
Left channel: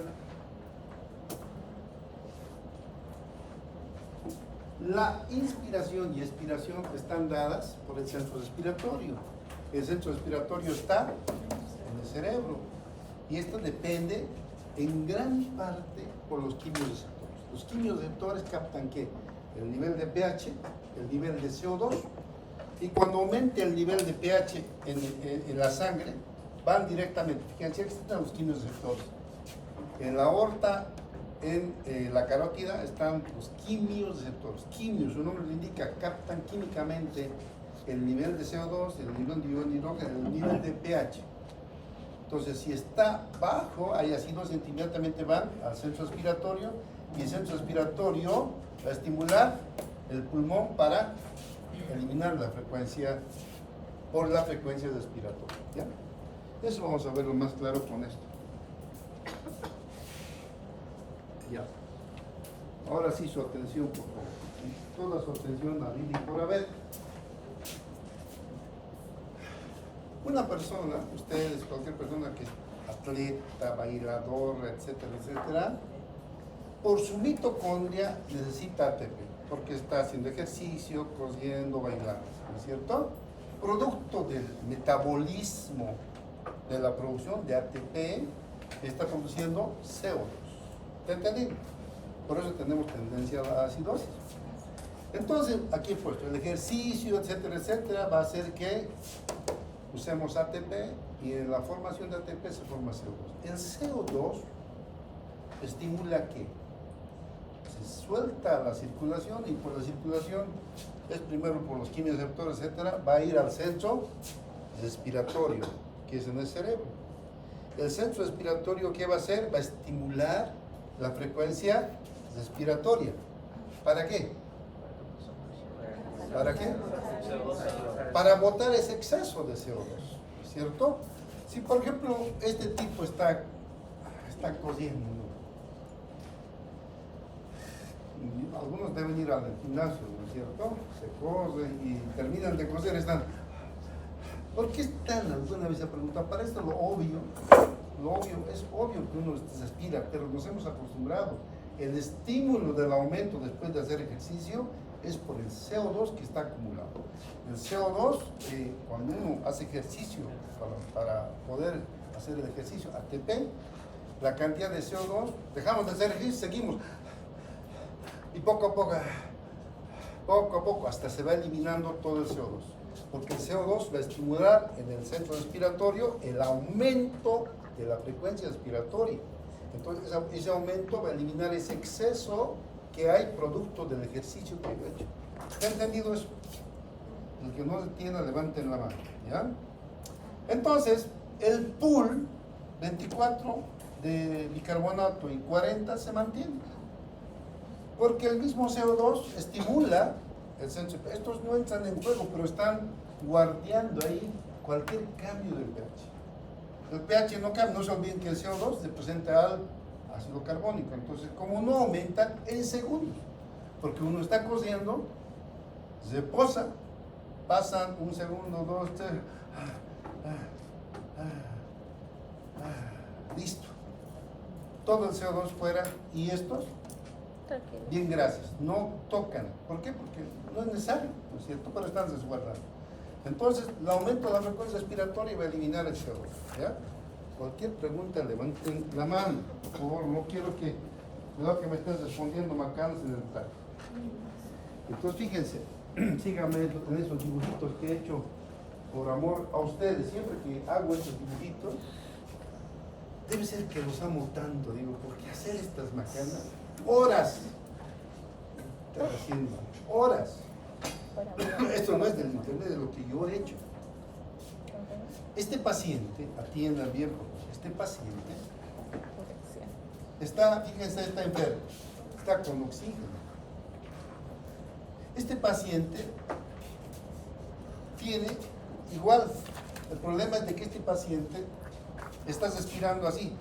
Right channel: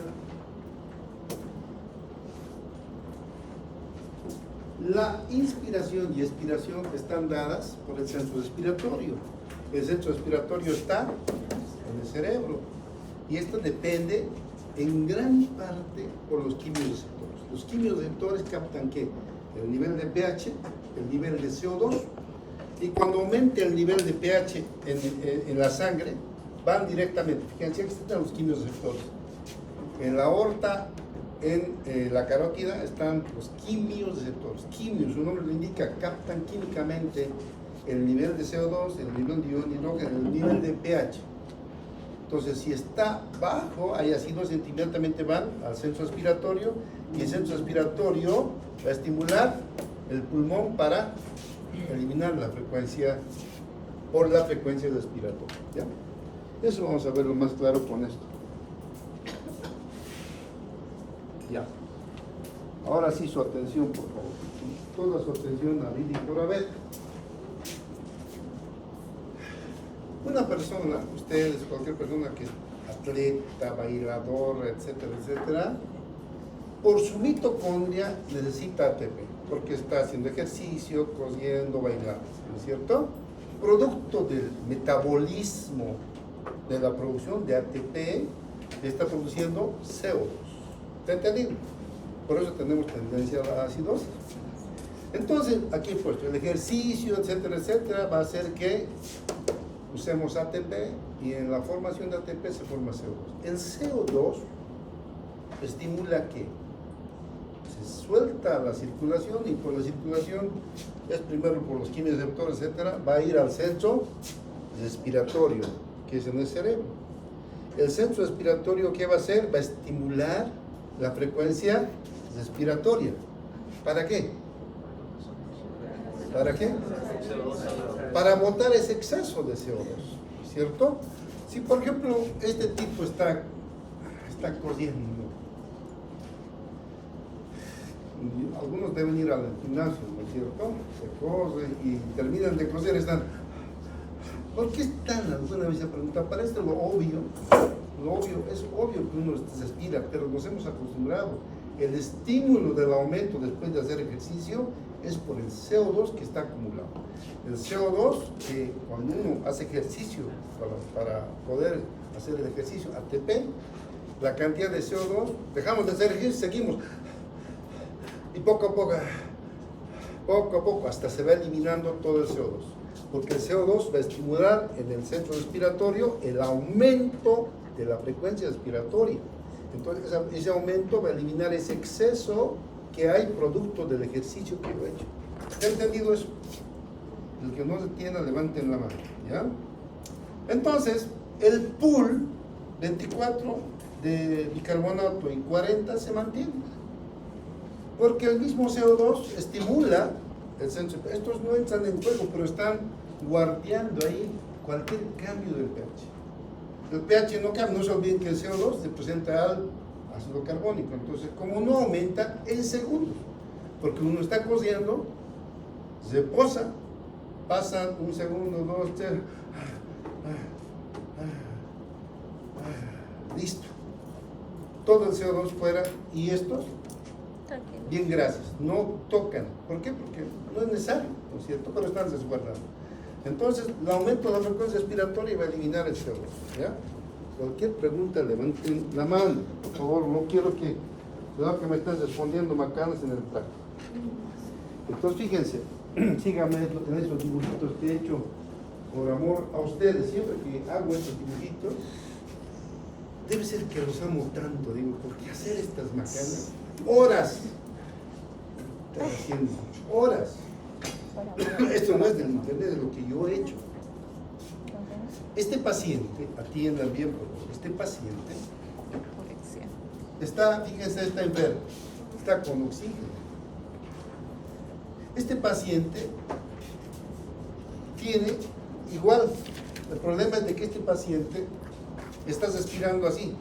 La inspiración y expiración están dadas por el centro respiratorio. El centro respiratorio está en el cerebro. Y esto depende en gran parte por los quimioreceptores. Los quimioreceptores captan ¿qué? El nivel de pH, el nivel de CO2. Y cuando aumente el nivel de pH en la sangre, van directamente. Fíjense, aquí están los quimioreceptores. En la aorta, en la carótida, están los quimioreceptores. Quimios, su nombre lo indica, captan químicamente el nivel de CO2, el nivel de hidrógeno, el nivel de pH. Entonces, si está bajo, hay acidosis, inmediatamente van al centro respiratorio y el centro respiratorio va a estimular el pulmón para eliminar la frecuencia por la frecuencia respiratoria. ¿Ya? Eso vamos a verlo más claro con esto. Ya. Ahora sí, su atención, por favor. Toda su atención a Lili por haber. Una persona, ustedes, cualquier persona que es atleta, bailador, etcétera, etcétera, por su mitocondria necesita ATP, porque está haciendo ejercicio, corriendo, bailando, ¿no es cierto? Producto del metabolismo de la producción de ATP, está produciendo CO2. ¿Te entendido? Por eso tenemos tendencia a la acidosis. Entonces, aquí he puesto el ejercicio, etcétera, etcétera, va a hacer que usemos ATP y en la formación de ATP se forma CO2. El CO2 estimula que se suelta la circulación y por la circulación es primero por los quimioreceptores, etcétera, va a ir al centro respiratorio, que es en el cerebro. El centro respiratorio, ¿qué va a hacer? Va a estimular la frecuencia respiratoria. ¿Para qué? ¿Para qué? Para botar ese exceso de CO2, ¿cierto? Si por ejemplo este tipo está corriendo, algunos deben ir al gimnasio, ¿no es cierto? Se corren y terminan de coser, están. ¿Por qué están? Alguna vez se pregunta, parece lo obvio es obvio que uno se respira, pero nos hemos acostumbrado. El estímulo del aumento después de hacer ejercicio es por el CO2 que está acumulado. El CO2, que cuando uno hace ejercicio para poder hacer el ejercicio ATP, la cantidad de CO2, dejamos de hacer ejercicio, seguimos. Y poco a poco, hasta se va eliminando todo el CO2. Porque el CO2 va a estimular en el centro respiratorio el aumento de la frecuencia respiratoria. Entonces, ese aumento va a eliminar ese exceso que hay producto del ejercicio que lo he hecho. ¿Está entendido eso? El que no se tiene, levanten la mano, ¿ya? Entonces, el pool 24 de bicarbonato y 40 se mantiene. Porque el mismo CO2 estimula el centro. Estos no entran en juego, pero están guardando ahí cualquier cambio del pH. El pH no cambia, no se olviden que el CO2 representa al ácido carbónico. Entonces, como no aumenta en segundos, porque uno está cociendo, se posa, pasan un segundo, dos, tres, listo. Todo el CO2 fuera y estos, bien, gracias, no tocan. ¿Por qué? Porque no es necesario, ¿no es cierto? Pero están resguardados. Entonces, el aumento de la frecuencia respiratoria va a eliminar el CO2, ¿ya? Cualquier pregunta, levanten la mano, por favor, no quiero que me estén respondiendo macanas en el plan. Entonces, fíjense, síganme en esos dibujitos que he hecho por amor a ustedes. Siempre que hago estos dibujitos, debe ser que los amo tanto, digo, porque hacer estas macanas, horas, están haciendo, horas. Esto no es del internet, es lo que yo he hecho. Este paciente, atiendan bien por favor, este paciente está, fíjense, está enfermo, está con oxígeno. Este paciente tiene igual, el problema es de que este paciente está respirando así,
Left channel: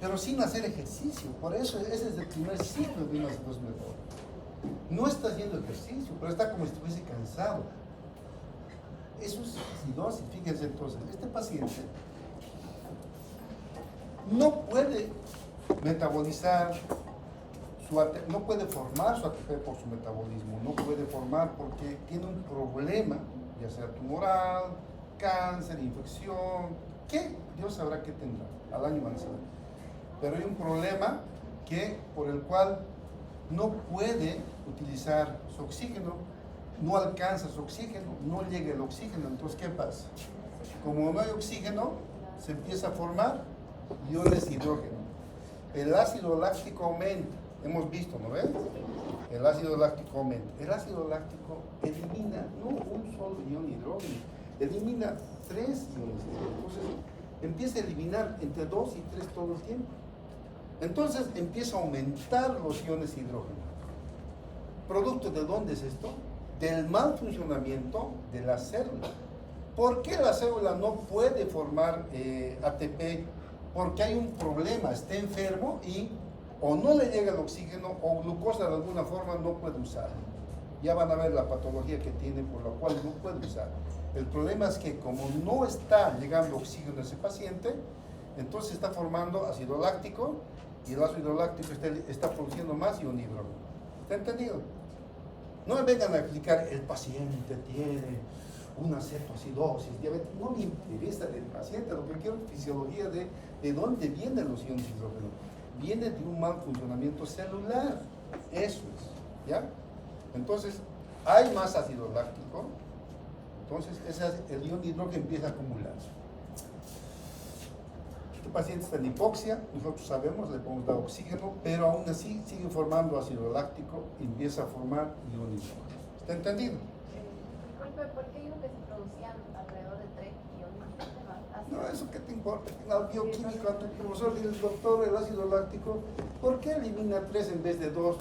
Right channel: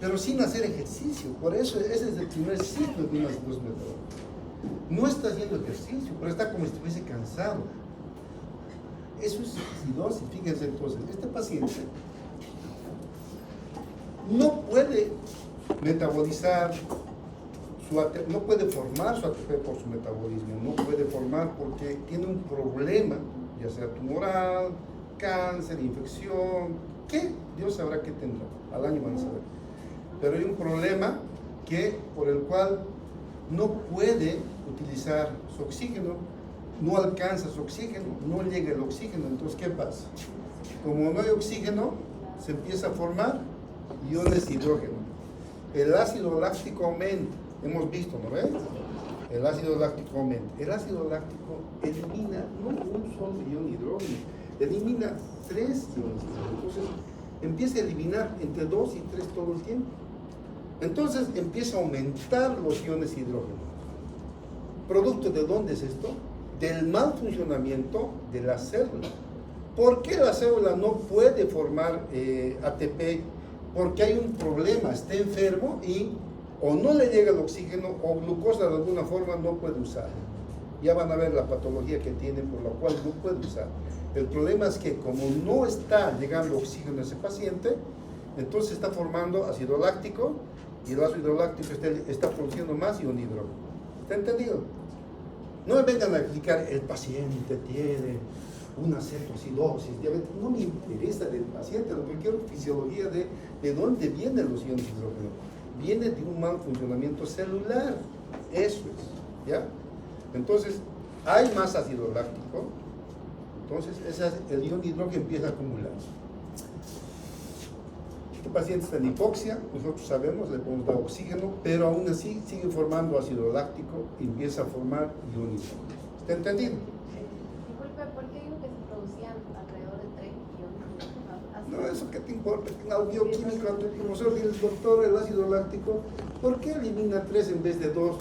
pero sin hacer ejercicio. Por eso ese es el primer signo de una acidosis metabólica. No está haciendo ejercicio, pero está como si estuviese cansado. Eso es acidosis. Fíjense entonces, este paciente no puede metabolizar no puede formar su ATP por su metabolismo, no puede formar porque tiene un problema, ya sea tumoral, cáncer, infección, que Dios sabrá qué tendrá, al año van a saber. Pero hay un problema por el cual no puede utilizar su oxígeno, no alcanza su oxígeno, no llega el oxígeno. Entonces, ¿qué pasa? Como no hay oxígeno, se empieza a formar iones de hidrógeno. El ácido láctico aumenta, hemos visto, ¿no ves? El ácido láctico aumenta. El ácido láctico elimina no un solo ion de hidrógeno, elimina 3 iones de hidrógeno. Entonces, empieza a eliminar entre 2 y 3 todo el tiempo. Entonces, empieza a aumentar los iones de hidrógeno. ¿Producto de dónde es esto? Del mal funcionamiento de la célula. ¿Por qué la célula no puede formar ATP? Porque hay un problema, está enfermo y o no le llega el oxígeno o glucosa de alguna forma no puede usarlo. Ya van a ver la patología que tiene por la cual no puede usar. El problema es que como no está llegando oxígeno a ese paciente, entonces está formando ácido láctico y el ácido láctico está produciendo más ion hidrógeno. ¿Está entendido? No me vengan a explicar, el paciente tiene una cetoacidosis, no me interesa del paciente, lo que quiero es fisiología de dónde vienen los iones hidrógeno. Viene de un mal funcionamiento celular, eso es, ¿ya? Entonces, hay más ácido láctico, entonces el ion hidrógeno empieza a acumularse. Este paciente está en hipoxia, nosotros sabemos, le podemos dar oxígeno, pero aún así sigue formando ácido láctico y empieza a formar ion hidrógeno. ¿Está entendido? ¿Por qué dijo que se producían alrededor de 3 iones? No, eso qué te importa. Al bioquímico, al profesor dice, doctor, el ácido láctico, ¿por qué elimina 3 en vez de 2?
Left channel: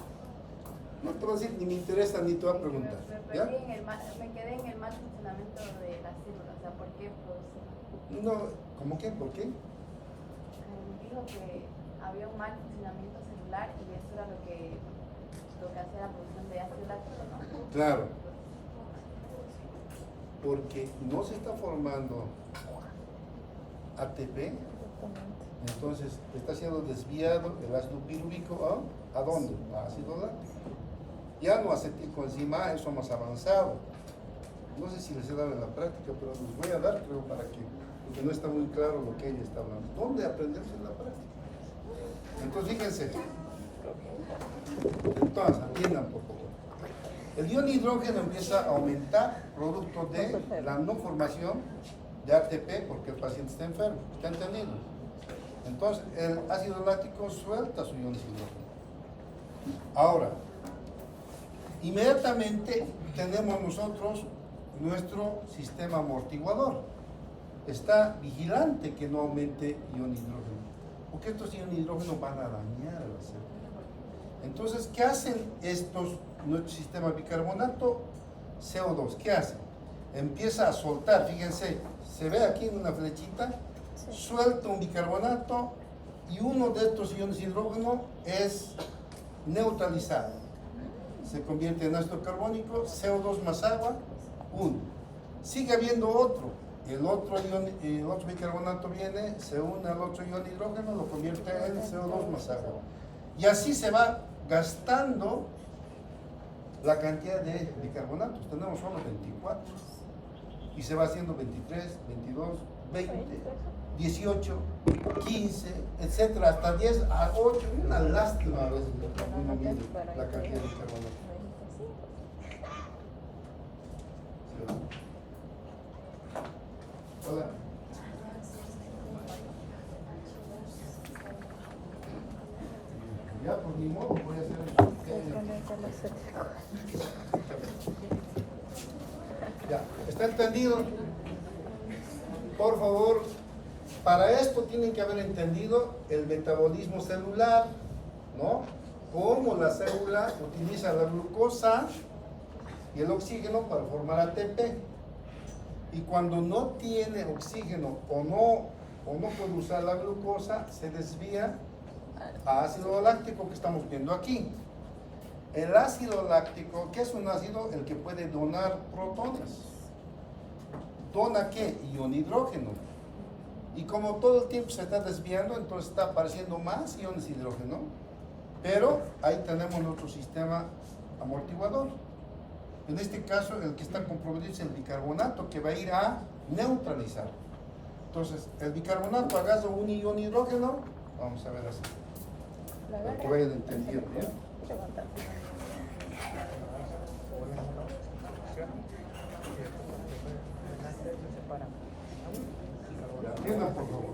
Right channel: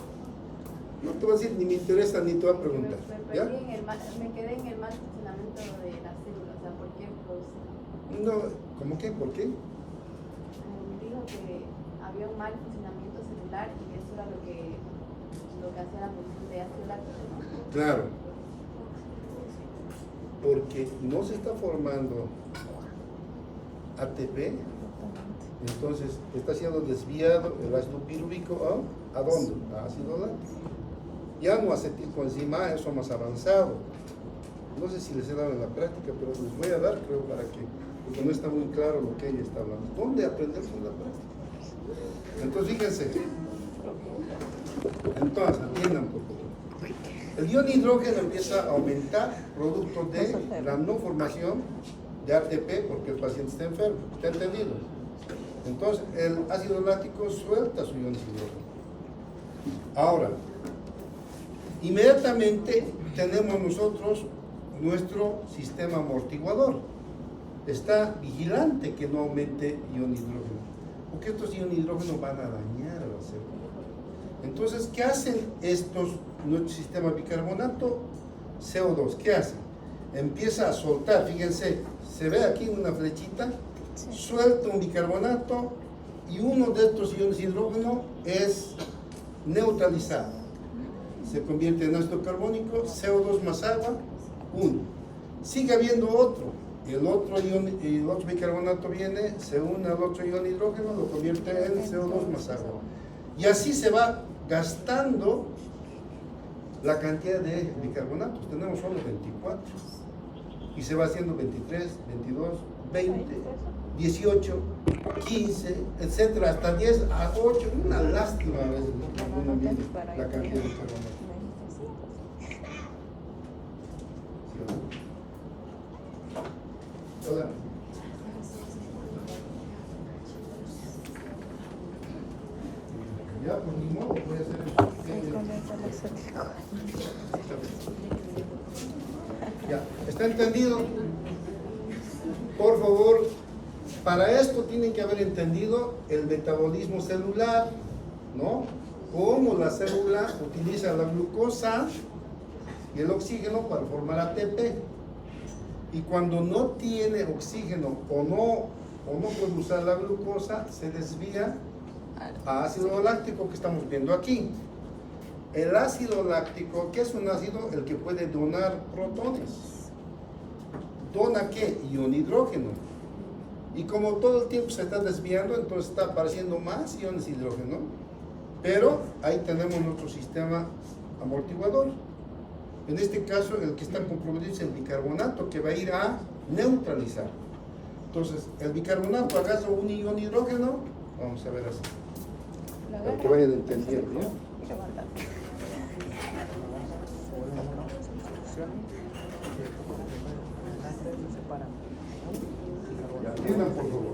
No te va a decir, ni me interesa, ni te va a preguntar. ¿Ya? Me quedé en el mal funcionamiento de las células, o sea, ¿por qué producen? No, ¿cómo qué? ¿Por qué? Dijo que había un mal funcionamiento celular y que eso era lo que hacía la producción de ácido láctico, ¿no? Claro. Porque no se está formando ATP, entonces está siendo desviado el ácido pirúvico ¿a dónde? A ácido láctico. Ya no acetilcoenzima, eso más avanzado. No sé si les he dado en la práctica, pero les voy a dar, creo, porque no está muy claro lo que ella está hablando. ¿Dónde aprendemos en la práctica? Entonces, fíjense. Entonces, atiendan por favor. El ion hidrógeno empieza a aumentar producto de la no formación de ATP porque el paciente está enfermo. ¿Está entendido? Entonces, el ácido láctico suelta su ion hidrógeno. Ahora, inmediatamente tenemos nosotros nuestro sistema amortiguador. Está vigilante que no aumente ion hidrógeno, porque estos ion hidrógeno van a dañar a la célula. Entonces, ¿qué hacen nuestro sistema bicarbonato? CO2, ¿qué hace? Empieza a soltar, fíjense, se ve aquí una flechita, suelta un bicarbonato y uno de estos iones hidrógeno es neutralizado. Se convierte en ácido carbónico, CO2 más agua, 1. Sigue habiendo otro, el otro bicarbonato viene, se une al otro ion hidrógeno, lo convierte en CO2 más agua. Y así se va gastando la cantidad de bicarbonatos. Tenemos solo 24. Y se va haciendo 23, 22, 20, 18, 15, etcétera, hasta 10, a 8. Una lástima a veces la cantidad de bicarbonatos. Ya, pues ni modo, voy a hacer eso. Ya, ¿está entendido? Por favor, para esto tienen que haber entendido el metabolismo celular, ¿no? Cómo la célula utiliza la glucosa y el oxígeno para formar ATP. Y cuando no tiene oxígeno o no produce la glucosa, se desvía a ácido láctico que estamos viendo aquí. El ácido láctico, ¿qué es un ácido? El que puede donar protones. ¿Dona qué? Ion hidrógeno. Y como todo el tiempo se está desviando, entonces está apareciendo más iones hidrógeno. Pero ahí tenemos nuestro sistema amortiguador. En este caso, el que está comprometido es el bicarbonato, que va a ir a neutralizar. Entonces, el bicarbonato agarra un ion hidrógeno, vamos a ver así, para que vayan entendiendo, ¿no? Entiendan, por favor.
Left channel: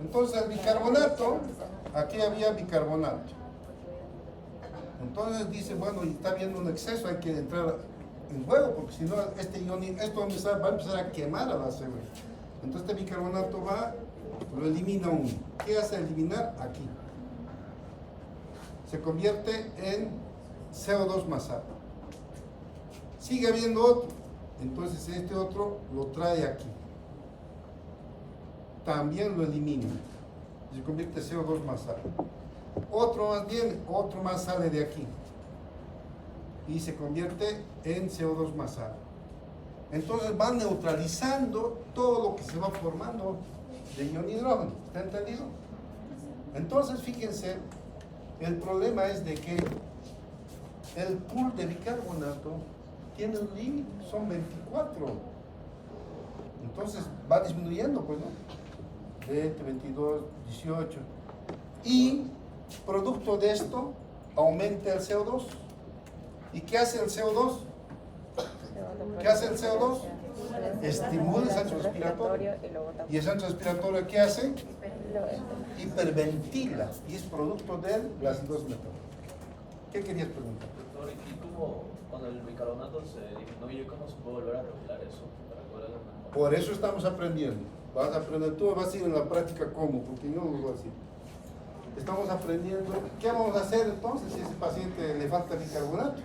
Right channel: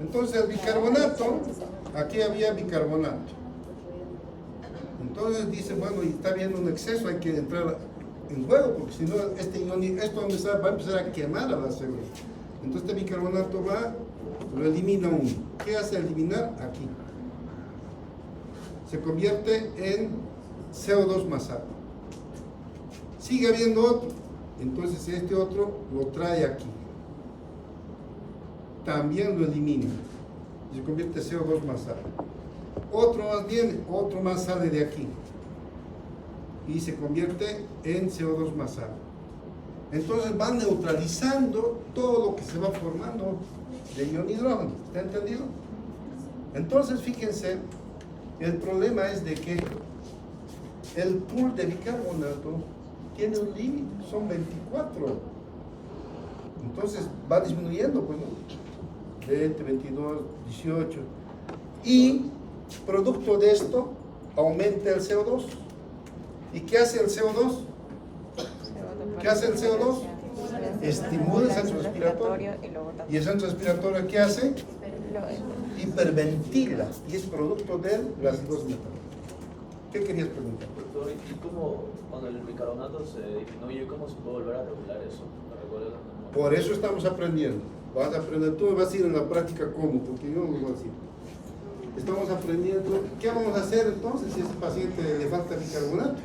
Entonces, el bicarbonato, aquí había bicarbonato. Entonces dice, bueno, y está habiendo un exceso, hay que entrar en juego, porque si no, esto va a empezar a quemar a la célula. Entonces este bicarbonato lo elimina uno. ¿Qué hace eliminar? Aquí. Se convierte en CO2 más agua. Sigue habiendo otro. Entonces este otro lo trae aquí. También lo elimina. Se convierte en CO2 más agua. Otro más viene, otro más sale de aquí y se convierte en CO2 más agua. Entonces va neutralizando todo lo que se va formando de ion hidrógeno. ¿Está entendido? Entonces fíjense, el problema es de que el pool de bicarbonato tiene un límite, son 24. Entonces va disminuyendo, pues, ¿no? 20, 22, 18. Y producto de esto, aumenta el CO2. ¿Y qué hace el CO2? ¿Qué hace el CO2? Estimula el centro respiratorio. ¿Y el centro respiratorio qué hace? Hiperventila. Y es producto de la acidosis metabólica. ¿Qué querías preguntar? Doctor, ¿y cómo cuando el bicarbonato se disminuye, cómo se puede volver a perfilar eso? ¿Me recuerdas? Por eso estamos aprendiendo. Vas a aprender, tú me vas a ir en la práctica cómo, porque yo no lo voy a decir. Estamos aprendiendo. ¿Qué vamos a hacer entonces si a ese paciente le falta bicarbonato?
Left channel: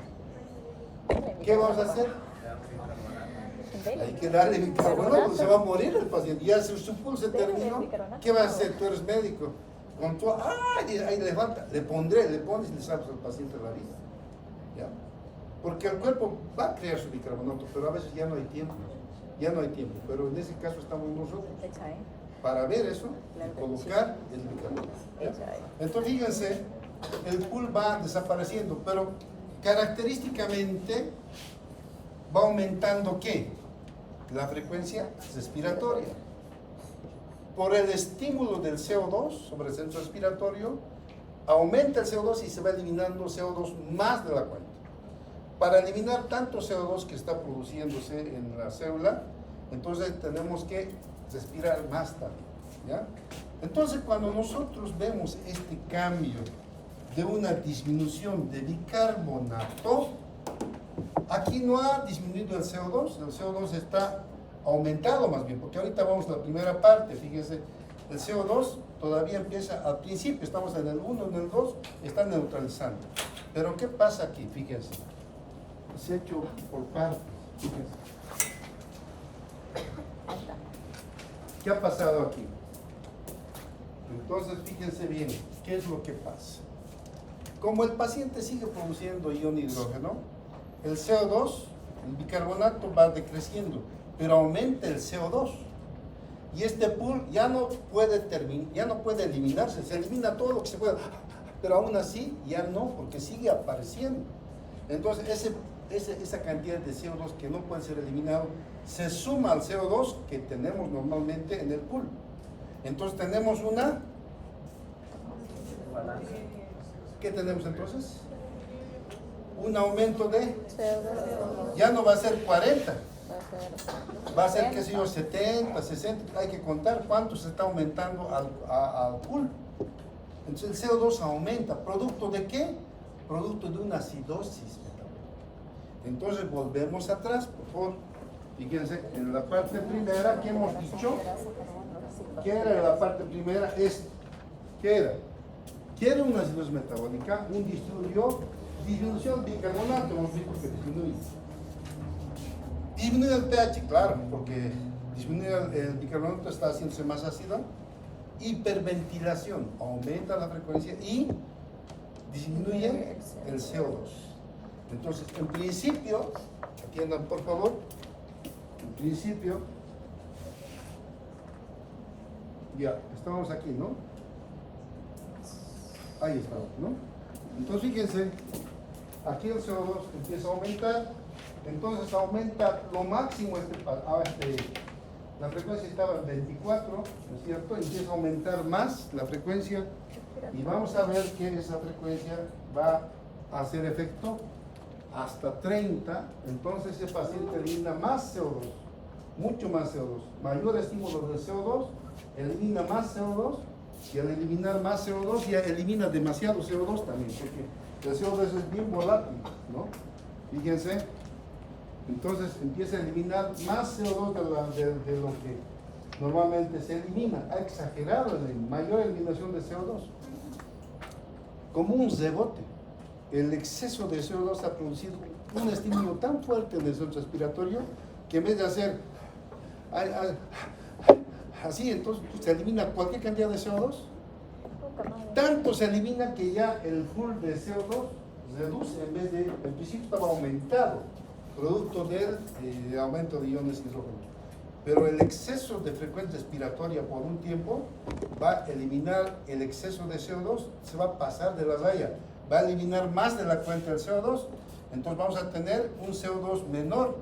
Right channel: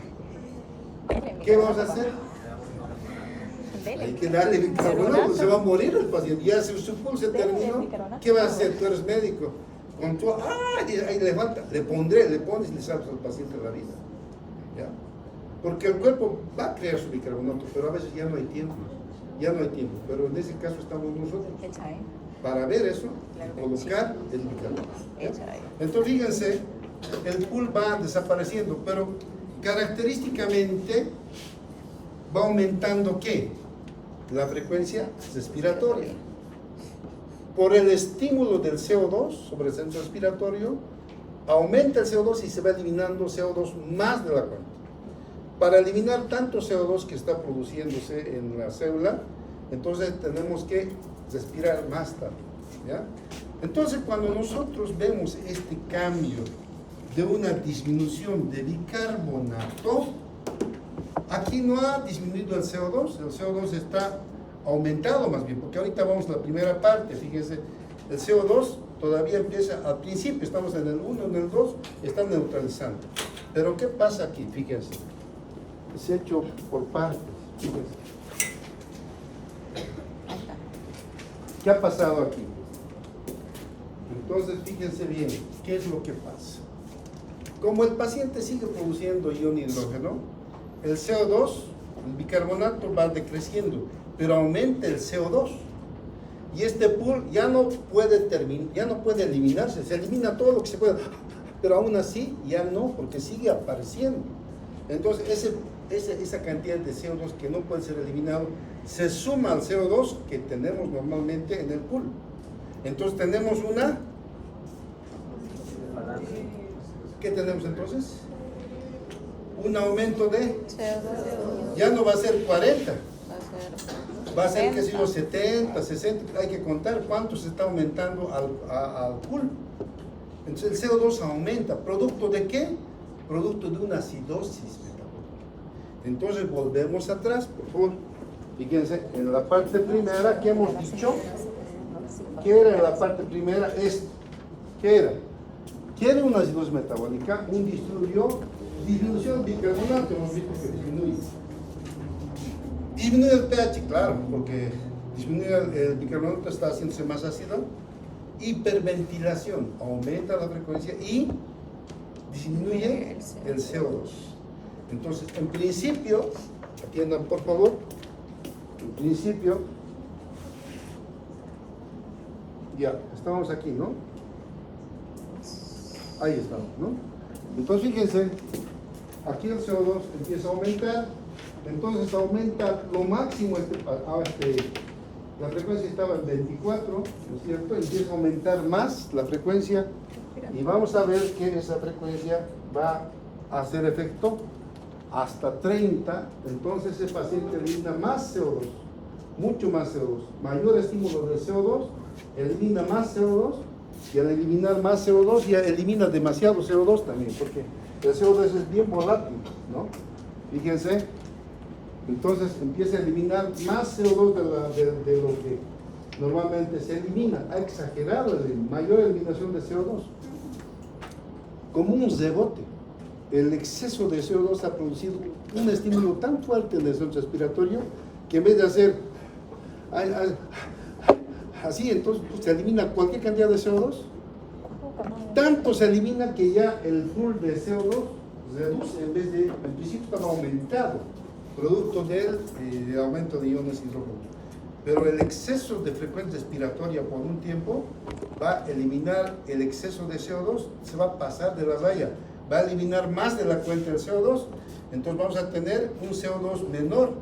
¿Qué vamos a hacer? Hay que darle bicarbonato, se va a morir el paciente. Ya si su pulso se terminó, ¿qué vas a hacer? Tú eres médico. Con tu, ahí le falta, le pones y le salvas al paciente la vida. ¿Ya? Porque el cuerpo va a crear su bicarbonato, pero a veces ya no hay tiempo. Ya no hay tiempo. Pero en ese caso estamos nosotros para ver eso y colocar el bicarbonato. ¿Ya? Entonces fíjense, el pool va desapareciendo, pero característicamente va aumentando ¿qué? La frecuencia respiratoria. Por el estímulo del CO2 sobre el centro respiratorio, aumenta el CO2 y se va eliminando CO2 más de la cuenta. Para eliminar tanto CO2 que está produciéndose en la célula, entonces tenemos que respirar más tarde. ¿Ya? Entonces, cuando nosotros vemos este cambio de una disminución de bicarbonato, aquí no ha disminuido el CO2 está aumentado más bien, porque ahorita vamos a la primera parte, fíjense, el CO2 todavía empieza al principio, estamos en el 1, en el 2, está neutralizando. Pero ¿qué pasa aquí? Fíjense, es hecho por partes, fíjense. ¿Qué ha pasado aquí? Entonces, fíjense bien, ¿qué es lo que pasa? Como el paciente sigue produciendo ion hidrógeno, el CO2, el bicarbonato va decreciendo, pero aumenta el CO2. Y este pool ya no puede eliminarse, se elimina todo lo que se puede, pero aún así ya no, porque sigue apareciendo. Entonces, esa cantidad de CO2 que no puede ser eliminado se suma al CO2 que tenemos normalmente en el pool. Entonces tenemos ¿qué tenemos entonces? Un aumento de, ya no va a ser 40, va a ser, qué sé yo, 70, 60, hay que contar cuánto se está aumentando al pool. Entonces el CO2 aumenta. ¿Producto de qué? Producto de una acidosis metabólica. Entonces volvemos atrás, por favor. Fíjense, en la parte primera que hemos dicho, ¿qué era en la parte primera? ¿Qué era? ¿Qué era una acidosis metabólica? Disminución del bicarbonato, hemos visto que disminuye. Disminuye el pH, claro, porque disminuye el bicarbonato, está haciéndose más ácido. Hiperventilación, aumenta la frecuencia y disminuye el CO2. Entonces, en principio, atiendan por favor, en principio, ya, estamos aquí, ¿no? Ahí estamos, ¿no? Entonces, fíjense, aquí el CO2 empieza a aumentar, entonces aumenta lo máximo, la frecuencia estaba en 24, ¿no es cierto? Empieza a aumentar más la frecuencia y vamos a ver que esa frecuencia va a hacer efecto hasta 30, entonces ese paciente elimina más CO2, mucho más CO2, mayor estímulo de CO2, elimina más CO2 y al eliminar más CO2 ya elimina demasiado CO2 también, porque el CO2 es bien volátil, ¿no? Fíjense. Entonces empieza a eliminar más CO2 de lo que normalmente se elimina. Ha exagerado la mayor eliminación de CO2. Como un rebote. El exceso de CO2 ha producido un estímulo tan fuerte en el centro respiratorio que en vez de hacer así, entonces se elimina cualquier cantidad de CO2. Tanto se elimina que ya el pool de CO2 reduce, en vez de, en principio estaba aumentado, producto del aumento de iones de hidrógeno. Pero el exceso de frecuencia respiratoria por un tiempo va a eliminar el exceso de CO2, se va a pasar de la raya, va a eliminar más de la cuenta del CO2, entonces vamos a tener un CO2 menor,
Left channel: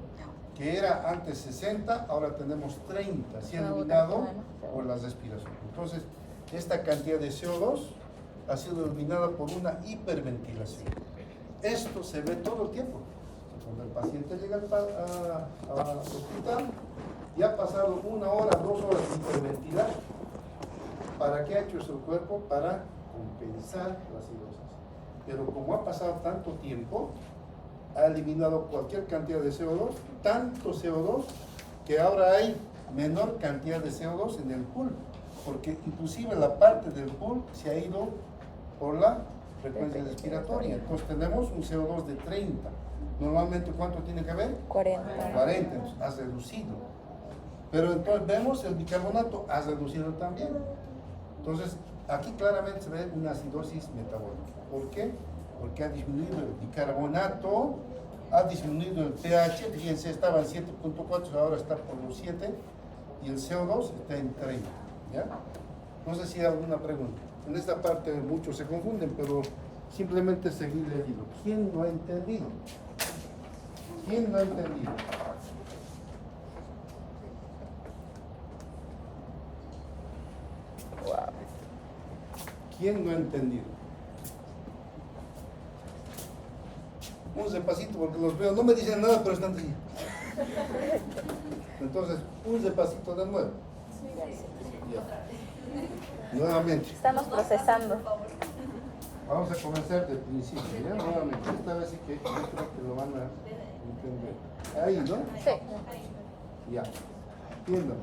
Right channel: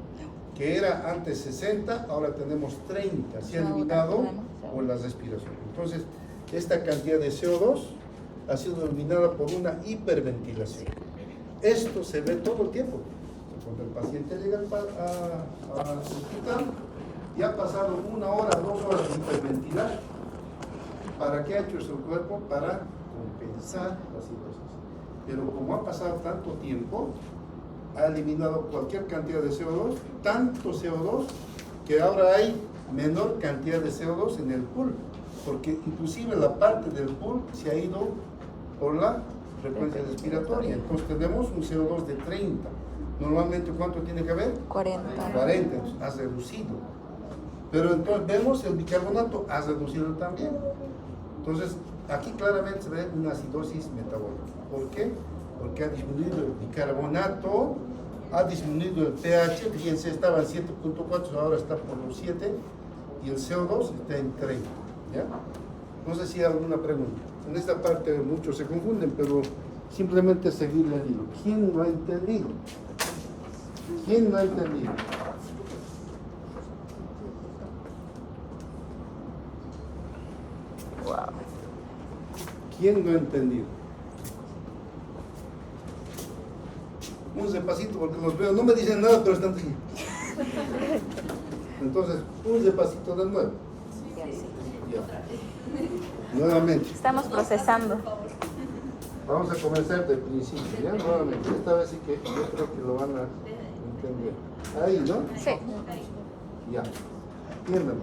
que era antes 60, ahora tenemos 30, se ha eliminado por la respiración. Entonces, esta cantidad de CO2 ha sido eliminada por una hiperventilación. Esto se ve todo el tiempo. Cuando el paciente llega al hospital, ya ha pasado 1 hora, 2 horas de hiperventilar. ¿Para qué ha hecho eso el cuerpo? Para compensar la cirrosis. Pero como ha pasado tanto tiempo, ha eliminado cualquier cantidad de CO2, tanto CO2, que ahora hay menor cantidad de CO2 en el pool, porque inclusive la parte del pool se ha ido por la frecuencia respiratoria. Entonces tenemos un CO2 de 30. Normalmente, ¿cuánto tiene que haber? 40. 40, entonces ha reducido. Pero entonces vemos el bicarbonato ha reducido también. Entonces, aquí claramente se ve una acidosis metabólica. ¿Por qué? Porque ha disminuido el bicarbonato, ha disminuido el pH, fíjense, estaba en 7.4, ahora está por los 7, y el CO2 está en 30. ¿Ya? No sé si hay alguna pregunta. En esta parte muchos se confunden, pero simplemente seguirle el hilo. ¿Quién lo ha entendido? ¿Quién lo ha entendido? ¿Quién lo ha entendido? Un despacito porque los veo, no me dicen nada, pero están así. Entonces, un despacito de nuevo. Ya. Nuevamente. Estamos procesando. Vamos a comenzar del principio, ¿ya? Nuevamente. Esta vez sí que yo creo que lo van a entender. Ahí, ¿no? Sí. Ya. Entiendan.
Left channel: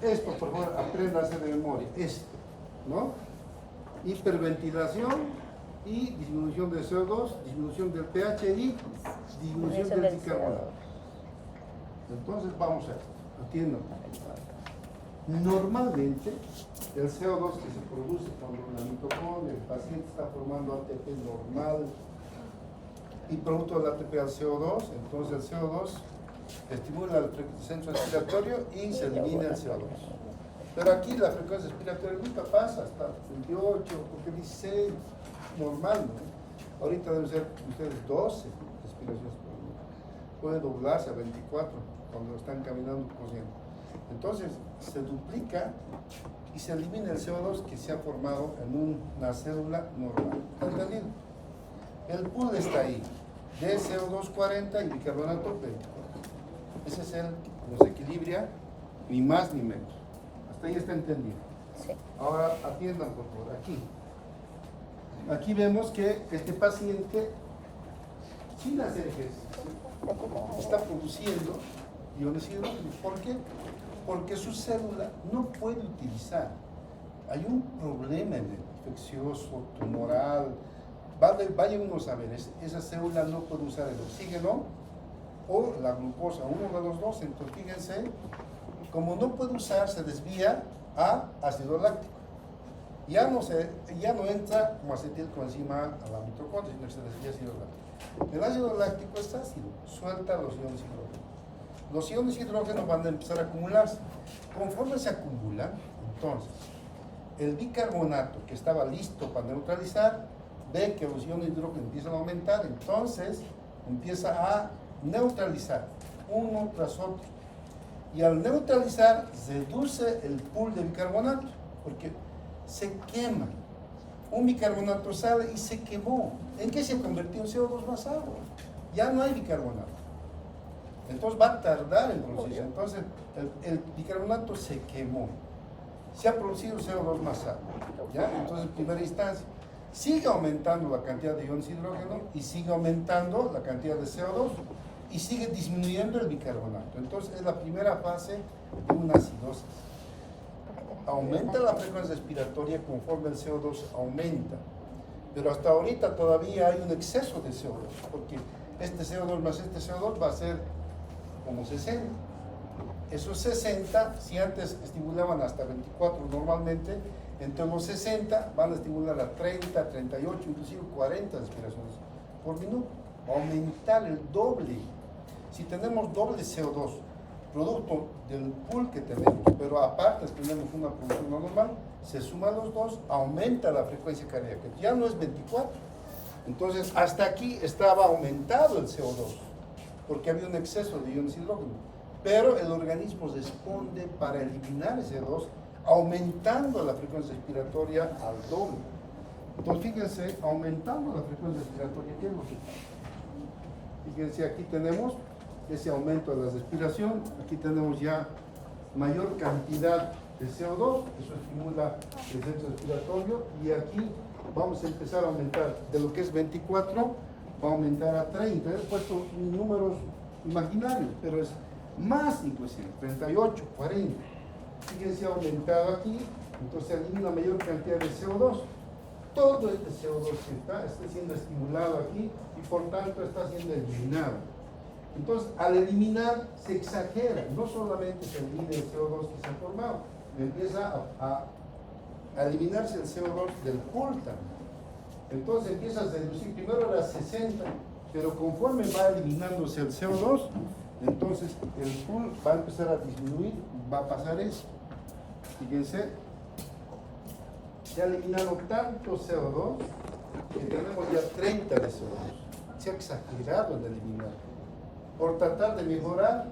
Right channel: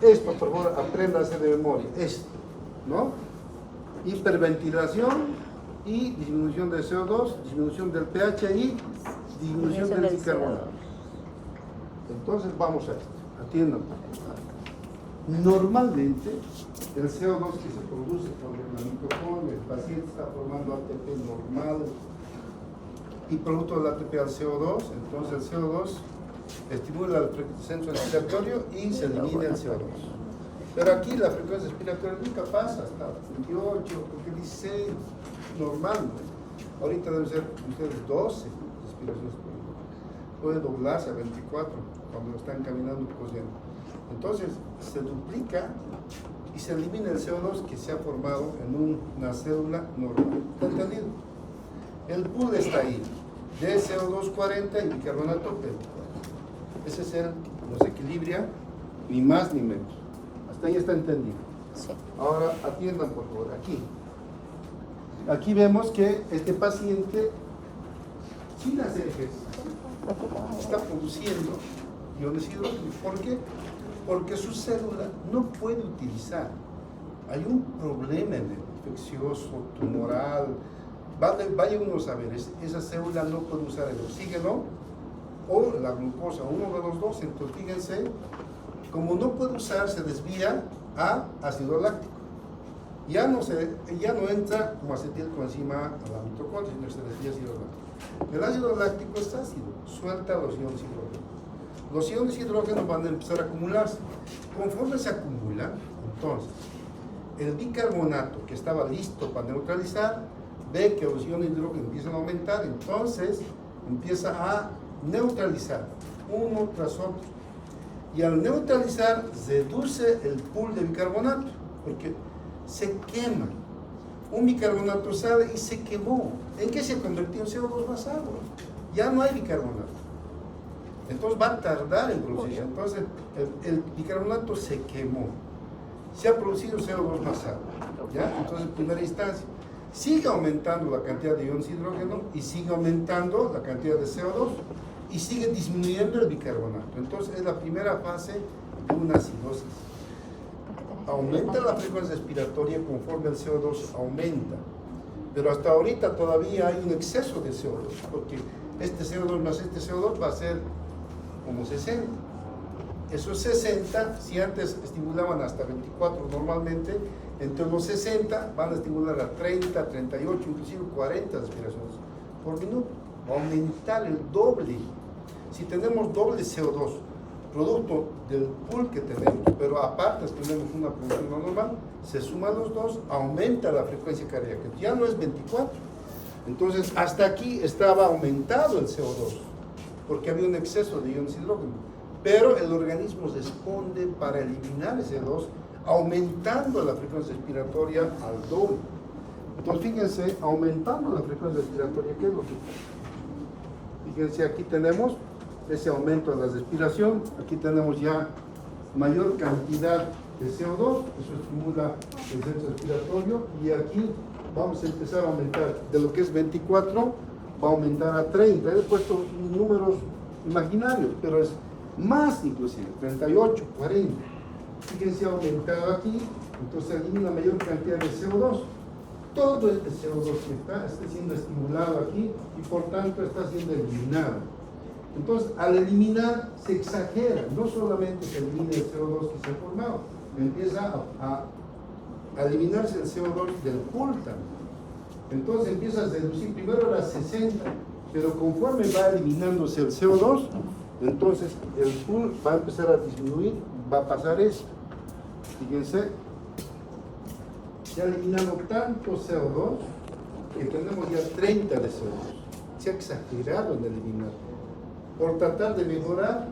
Esto, por favor, apréndase de memoria. Esto, ¿no? Hiperventilación y disminución del CO2, disminución del pH y disminución del bicarbonato. Entonces vamos a esto. Atiendan, por favor. Normalmente, el CO2 que se produce cuando la mitocondria del paciente está formando ATP normal y producto del ATP al CO2, entonces el CO2 estimula el centro respiratorio y se elimina el CO2. Pero aquí la frecuencia respiratoria nunca pasa hasta 28, porque 16, normal, ¿no? Ahorita deben ser ustedes 12 respiraciones por minuto. Puede doblarse a 24 cuando están caminando cosiendo. Entonces se duplica y se elimina el CO2 que se ha formado en una célula normal. ¿Está entendido? El pool está ahí, de CO2 40 y bicarbonato 24. Ese es los equilibria, ni más ni menos. Hasta ahí está entendido. Sí. Ahora atiendan por favor, aquí. Aquí vemos que este paciente, sin hacer ejercicio, está produciendo iones hidrógenos. ¿Por qué? Porque su célula no puede utilizar. Hay un problema en el infeccioso, tumoral. Vaya uno a saber, esa célula no puede usar el oxígeno o la glucosa, uno de los dos. Entonces fíjense, como no puede usar, se desvía a ácido láctico. Ya no entra como acetilcoenzima a la mitocondria, sino que se desvía a ácido láctico. El ácido láctico es ácido, suelta los iones hidrógenos. Los iones hidrógenos van a empezar a acumularse. Conforme se acumulan, entonces, el bicarbonato que estaba listo para neutralizar, ve que los iones hidrógenos empiezan a aumentar, entonces empieza a neutralizar uno tras otro. Y al neutralizar, reduce el pool de bicarbonato, porque se quema. Un bicarbonato sale y se quemó. ¿En qué se convirtió? En CO2 más agua. Ya no hay bicarbonato. Entonces va a tardar en producirse. Entonces el bicarbonato se quemó. Se ha producido CO2 más agua. ¿Ya? Entonces en primera instancia sigue aumentando la cantidad de iones hidrógeno y sigue aumentando la cantidad de CO2 y sigue disminuyendo el bicarbonato. Entonces es la primera fase de una acidosis. Aumenta la frecuencia respiratoria conforme el CO2 aumenta, pero hasta ahorita todavía hay un exceso de CO2, porque este CO2 más este CO2 va a ser como 60. Esos 60, si antes estimulaban hasta 24 normalmente, entre los 60 van a estimular a 30, 38, inclusive 40 respiraciones por minuto. Va a aumentar el doble. Si tenemos doble CO2, producto del pool que tenemos, pero aparte tenemos una producción no normal, se suman los dos, aumenta la frecuencia cardíaca, ya no es 24. Entonces, hasta aquí estaba aumentado el CO2, porque había un exceso de iones hidrógeno, pero el organismo responde para eliminar ese CO2, aumentando la frecuencia respiratoria al doble. Entonces, fíjense, aumentando la frecuencia respiratoria, ¿qué es lo que pasa? Fíjense, aquí tenemos ese aumento de la respiración, aquí tenemos ya mayor cantidad de CO2, eso estimula el centro respiratorio, y aquí vamos a empezar a aumentar, de lo que es 24, va a aumentar a 30, he puesto números imaginarios, pero es más inclusive, 38, 40, fíjense, ha aumentado aquí, entonces elimina mayor cantidad de CO2, todo este CO2 que está siendo estimulado aquí, y por tanto está siendo eliminado. Entonces, al eliminar, se exagera, no solamente se elimina el CO2 que se ha formado, empieza a eliminarse el CO2 del pool también. Entonces empieza a reducir, primero era 60, pero conforme va eliminándose el CO2, entonces el pool va a empezar a disminuir, va a pasar esto. Fíjense, se ha eliminado tanto CO2 que tenemos ya 30 de CO2. Se ha exagerado en eliminar. Por tratar de mejorar,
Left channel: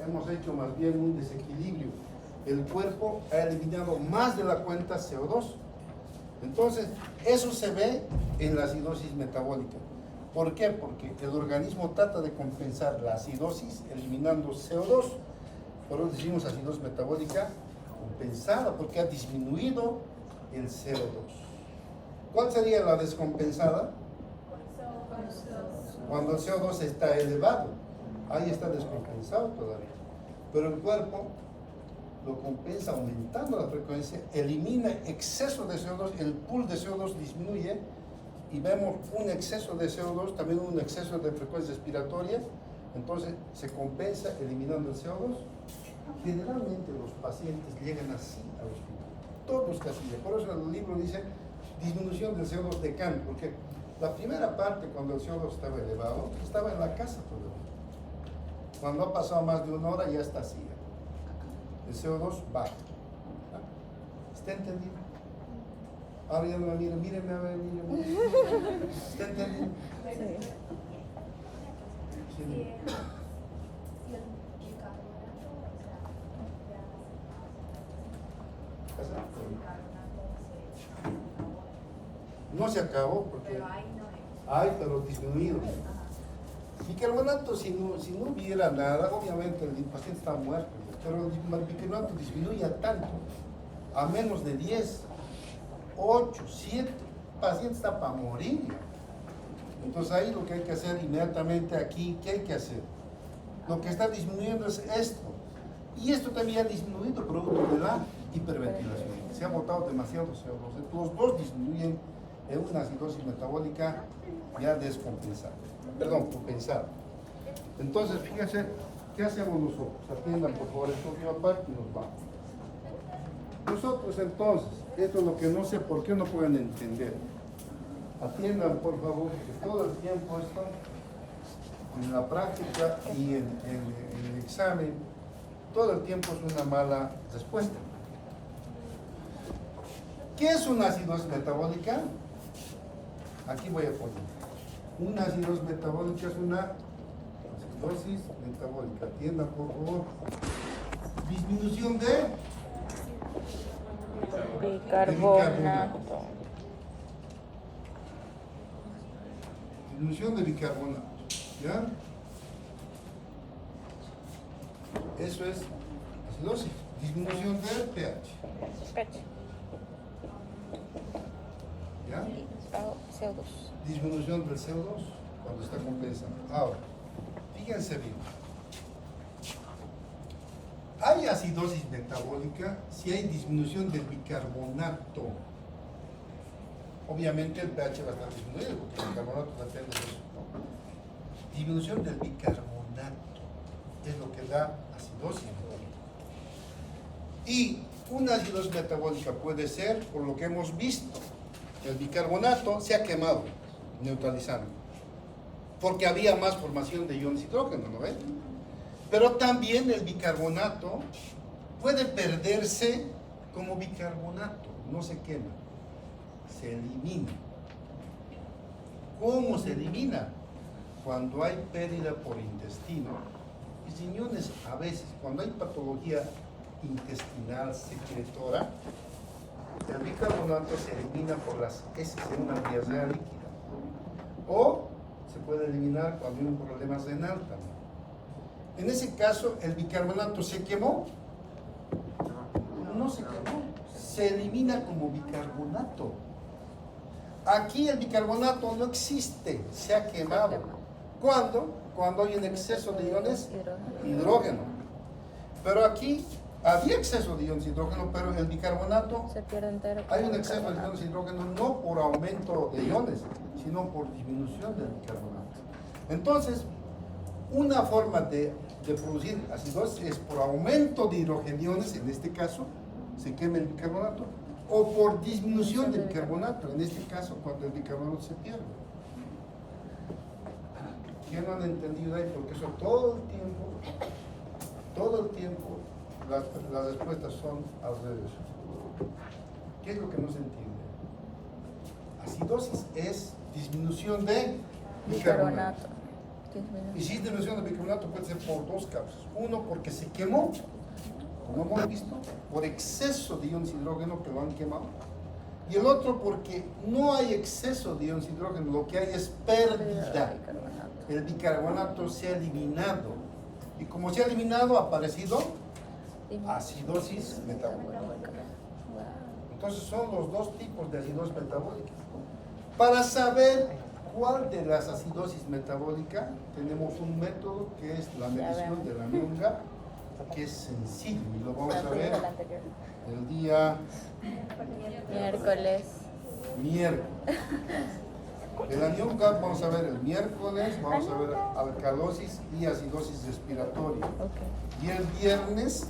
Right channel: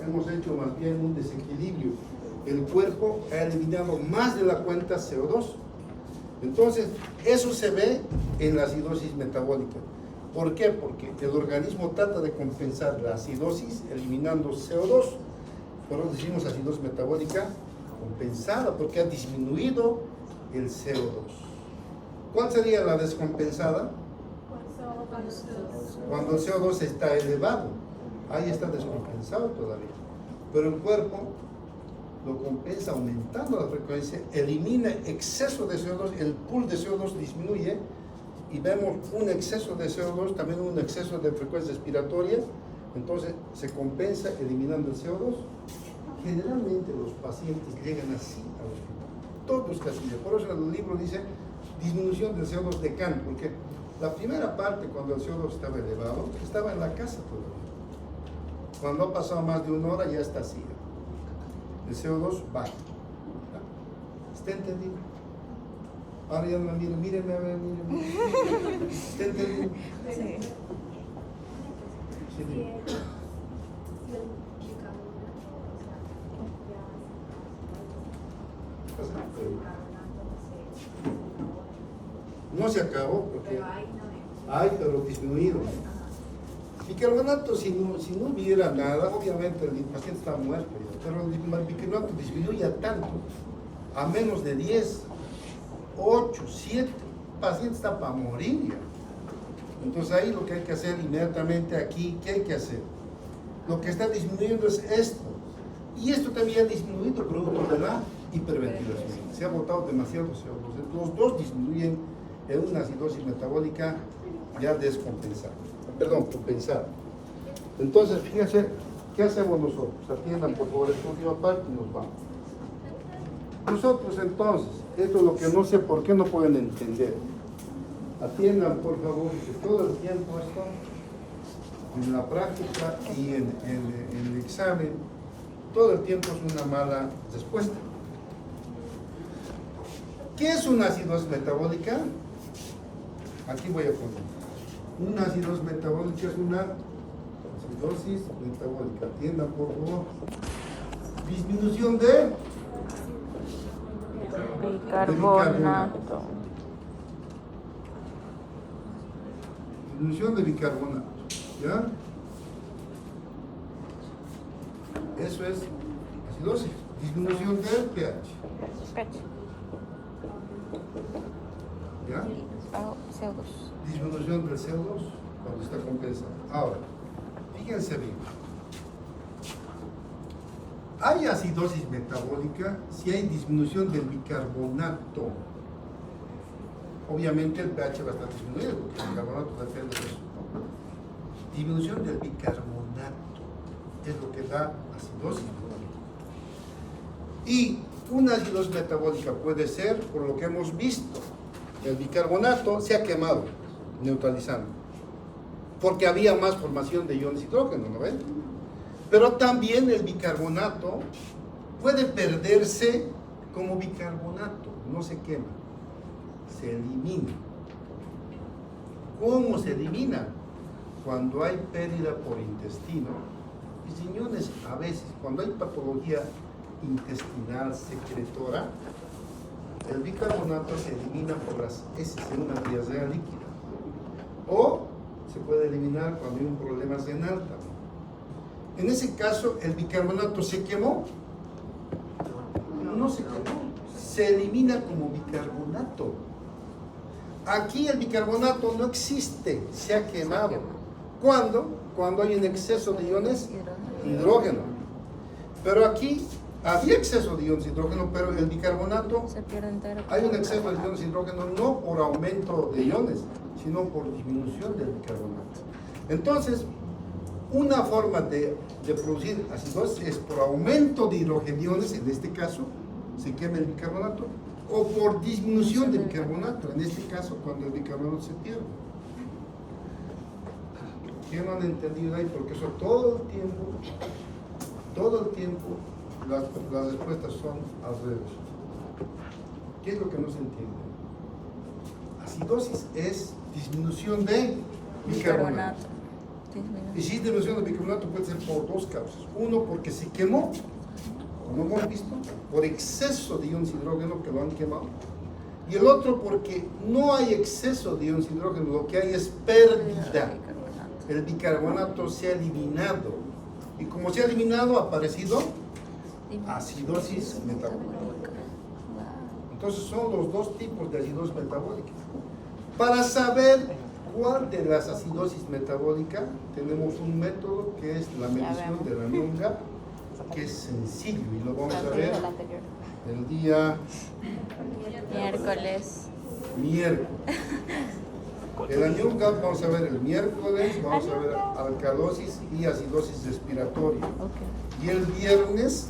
hemos hecho más bien un desequilibrio. El cuerpo ha eliminado más de la cuenta CO2. Entonces, eso se ve en la acidosis metabólica. ¿Por qué? Porque el organismo trata de compensar la acidosis eliminando CO2. Por eso decimos acidosis metabólica compensada, porque ha disminuido el CO2. ¿Cuál sería la descompensada? Cuando el CO2 está elevado. Ahí está descompensado todavía. Pero el cuerpo lo compensa aumentando la frecuencia, elimina exceso de CO2, el pool de CO2 disminuye y vemos un exceso de CO2, también un exceso de frecuencia respiratoria, entonces se compensa eliminando el CO2. Generalmente los pacientes llegan así al hospital, todos casi. Por eso el libro dice disminución del CO2 de Kahn, porque la primera parte cuando el CO2 estaba elevado, estaba en la casa todavía. Cuando ha pasado más de una hora ya está así. El CO2 baja. ¿Está entendido? Ahora ya no me mire, míreme a ver, míreme. ¿Está entendido? Sí. Sí, dime. No se acabó porque hay, pero disminuido. Bicarbonato, si no hubiera nada, obviamente el paciente está muerto ya, pero el bicarbonato disminuye tanto a menos de 10, 8, 7, el paciente está para morir ya. Entonces ahí lo que hay que hacer inmediatamente aquí, ¿qué hay que hacer? Lo que está disminuyendo es esto. Y esto también ha disminuido producto de la hiperventilación. Se ha botado demasiado CO2. Los dos disminuyen en una acidosis metabólica ya descompensada. Perdón, compensada. Entonces, fíjense, ¿qué hacemos nosotros? Atiendan por favor esta última parte y nos vamos. Nosotros entonces, esto es lo que no sé por qué no pueden entender. Atiendan por favor que todo el tiempo esto, en la práctica y en el examen, todo el tiempo es una mala respuesta. ¿Qué es una acidosis metabólica? Aquí voy a poner. Una acidosis metabólica es una acidosis metabólica. Atiendan por favor. Disminución de bicarbonato. Disminución de bicarbonato. ¿Ya? Eso es acidosis. Disminución del pH. ¿Ya? Disminución del CO2 cuando está compensado. Ahora, fíjense bien. Hay acidosis metabólica si hay disminución del bicarbonato. Obviamente el pH va a estar disminuido porque el bicarbonato depende de eso. Disminución del bicarbonato es lo que da acidosis metabólica. Y una acidosis metabólica puede ser, por lo que hemos visto, el bicarbonato se ha quemado, neutralizando, porque había más formación de iones hidrógeno, ¿no ven? Pero también el bicarbonato puede perderse como bicarbonato, no se quema, se elimina. ¿Cómo se elimina? Cuando hay pérdida por intestino, y riñones a veces, cuando hay patología intestinal secretora, el bicarbonato se elimina por las heces en una diarrea líquida. O se puede eliminar cuando hay un problema renal también. En ese caso, ¿el bicarbonato se quemó? No se quemó, se elimina como bicarbonato. Aquí el bicarbonato no existe, se ha quemado. ¿Cuándo? Cuando hay un exceso de iones hidrógeno. Pero aquí había exceso de iones hidrógeno, pero el bicarbonato, hay un exceso de iones hidrógeno no por aumento de iones, sino por disminución del bicarbonato. Entonces, una forma de producir acidosis es por aumento de hidrogeniones, en este caso, se quema el bicarbonato, o por disminución del bicarbonato, en este caso, cuando el bicarbonato se pierde. ¿Qué no han entendido ahí? Porque eso todo el tiempo, las respuestas son al revés. ¿Qué es lo que no se entiende? Acidosis es disminución de bicarbonato. Y si es disminución de bicarbonato puede ser por dos causas. Uno, porque se quemó, como hemos visto, por exceso de iones hidrógeno que lo han quemado. Y el otro, porque no hay exceso de iones hidrógeno, lo que hay es pérdida. El bicarbonato se ha eliminado. Y como se ha eliminado, ha aparecido acidosis metabólica. Entonces son los dos tipos de acidosis metabólica. Para saber cuál de las acidosis metabólicas, tenemos un método que es la medición de la NION-GAP, que es sencillo y lo vamos a ver el día miércoles. El NION-GAP vamos a ver el miércoles, vamos a ver alcalosis y acidosis respiratoria. Y el viernes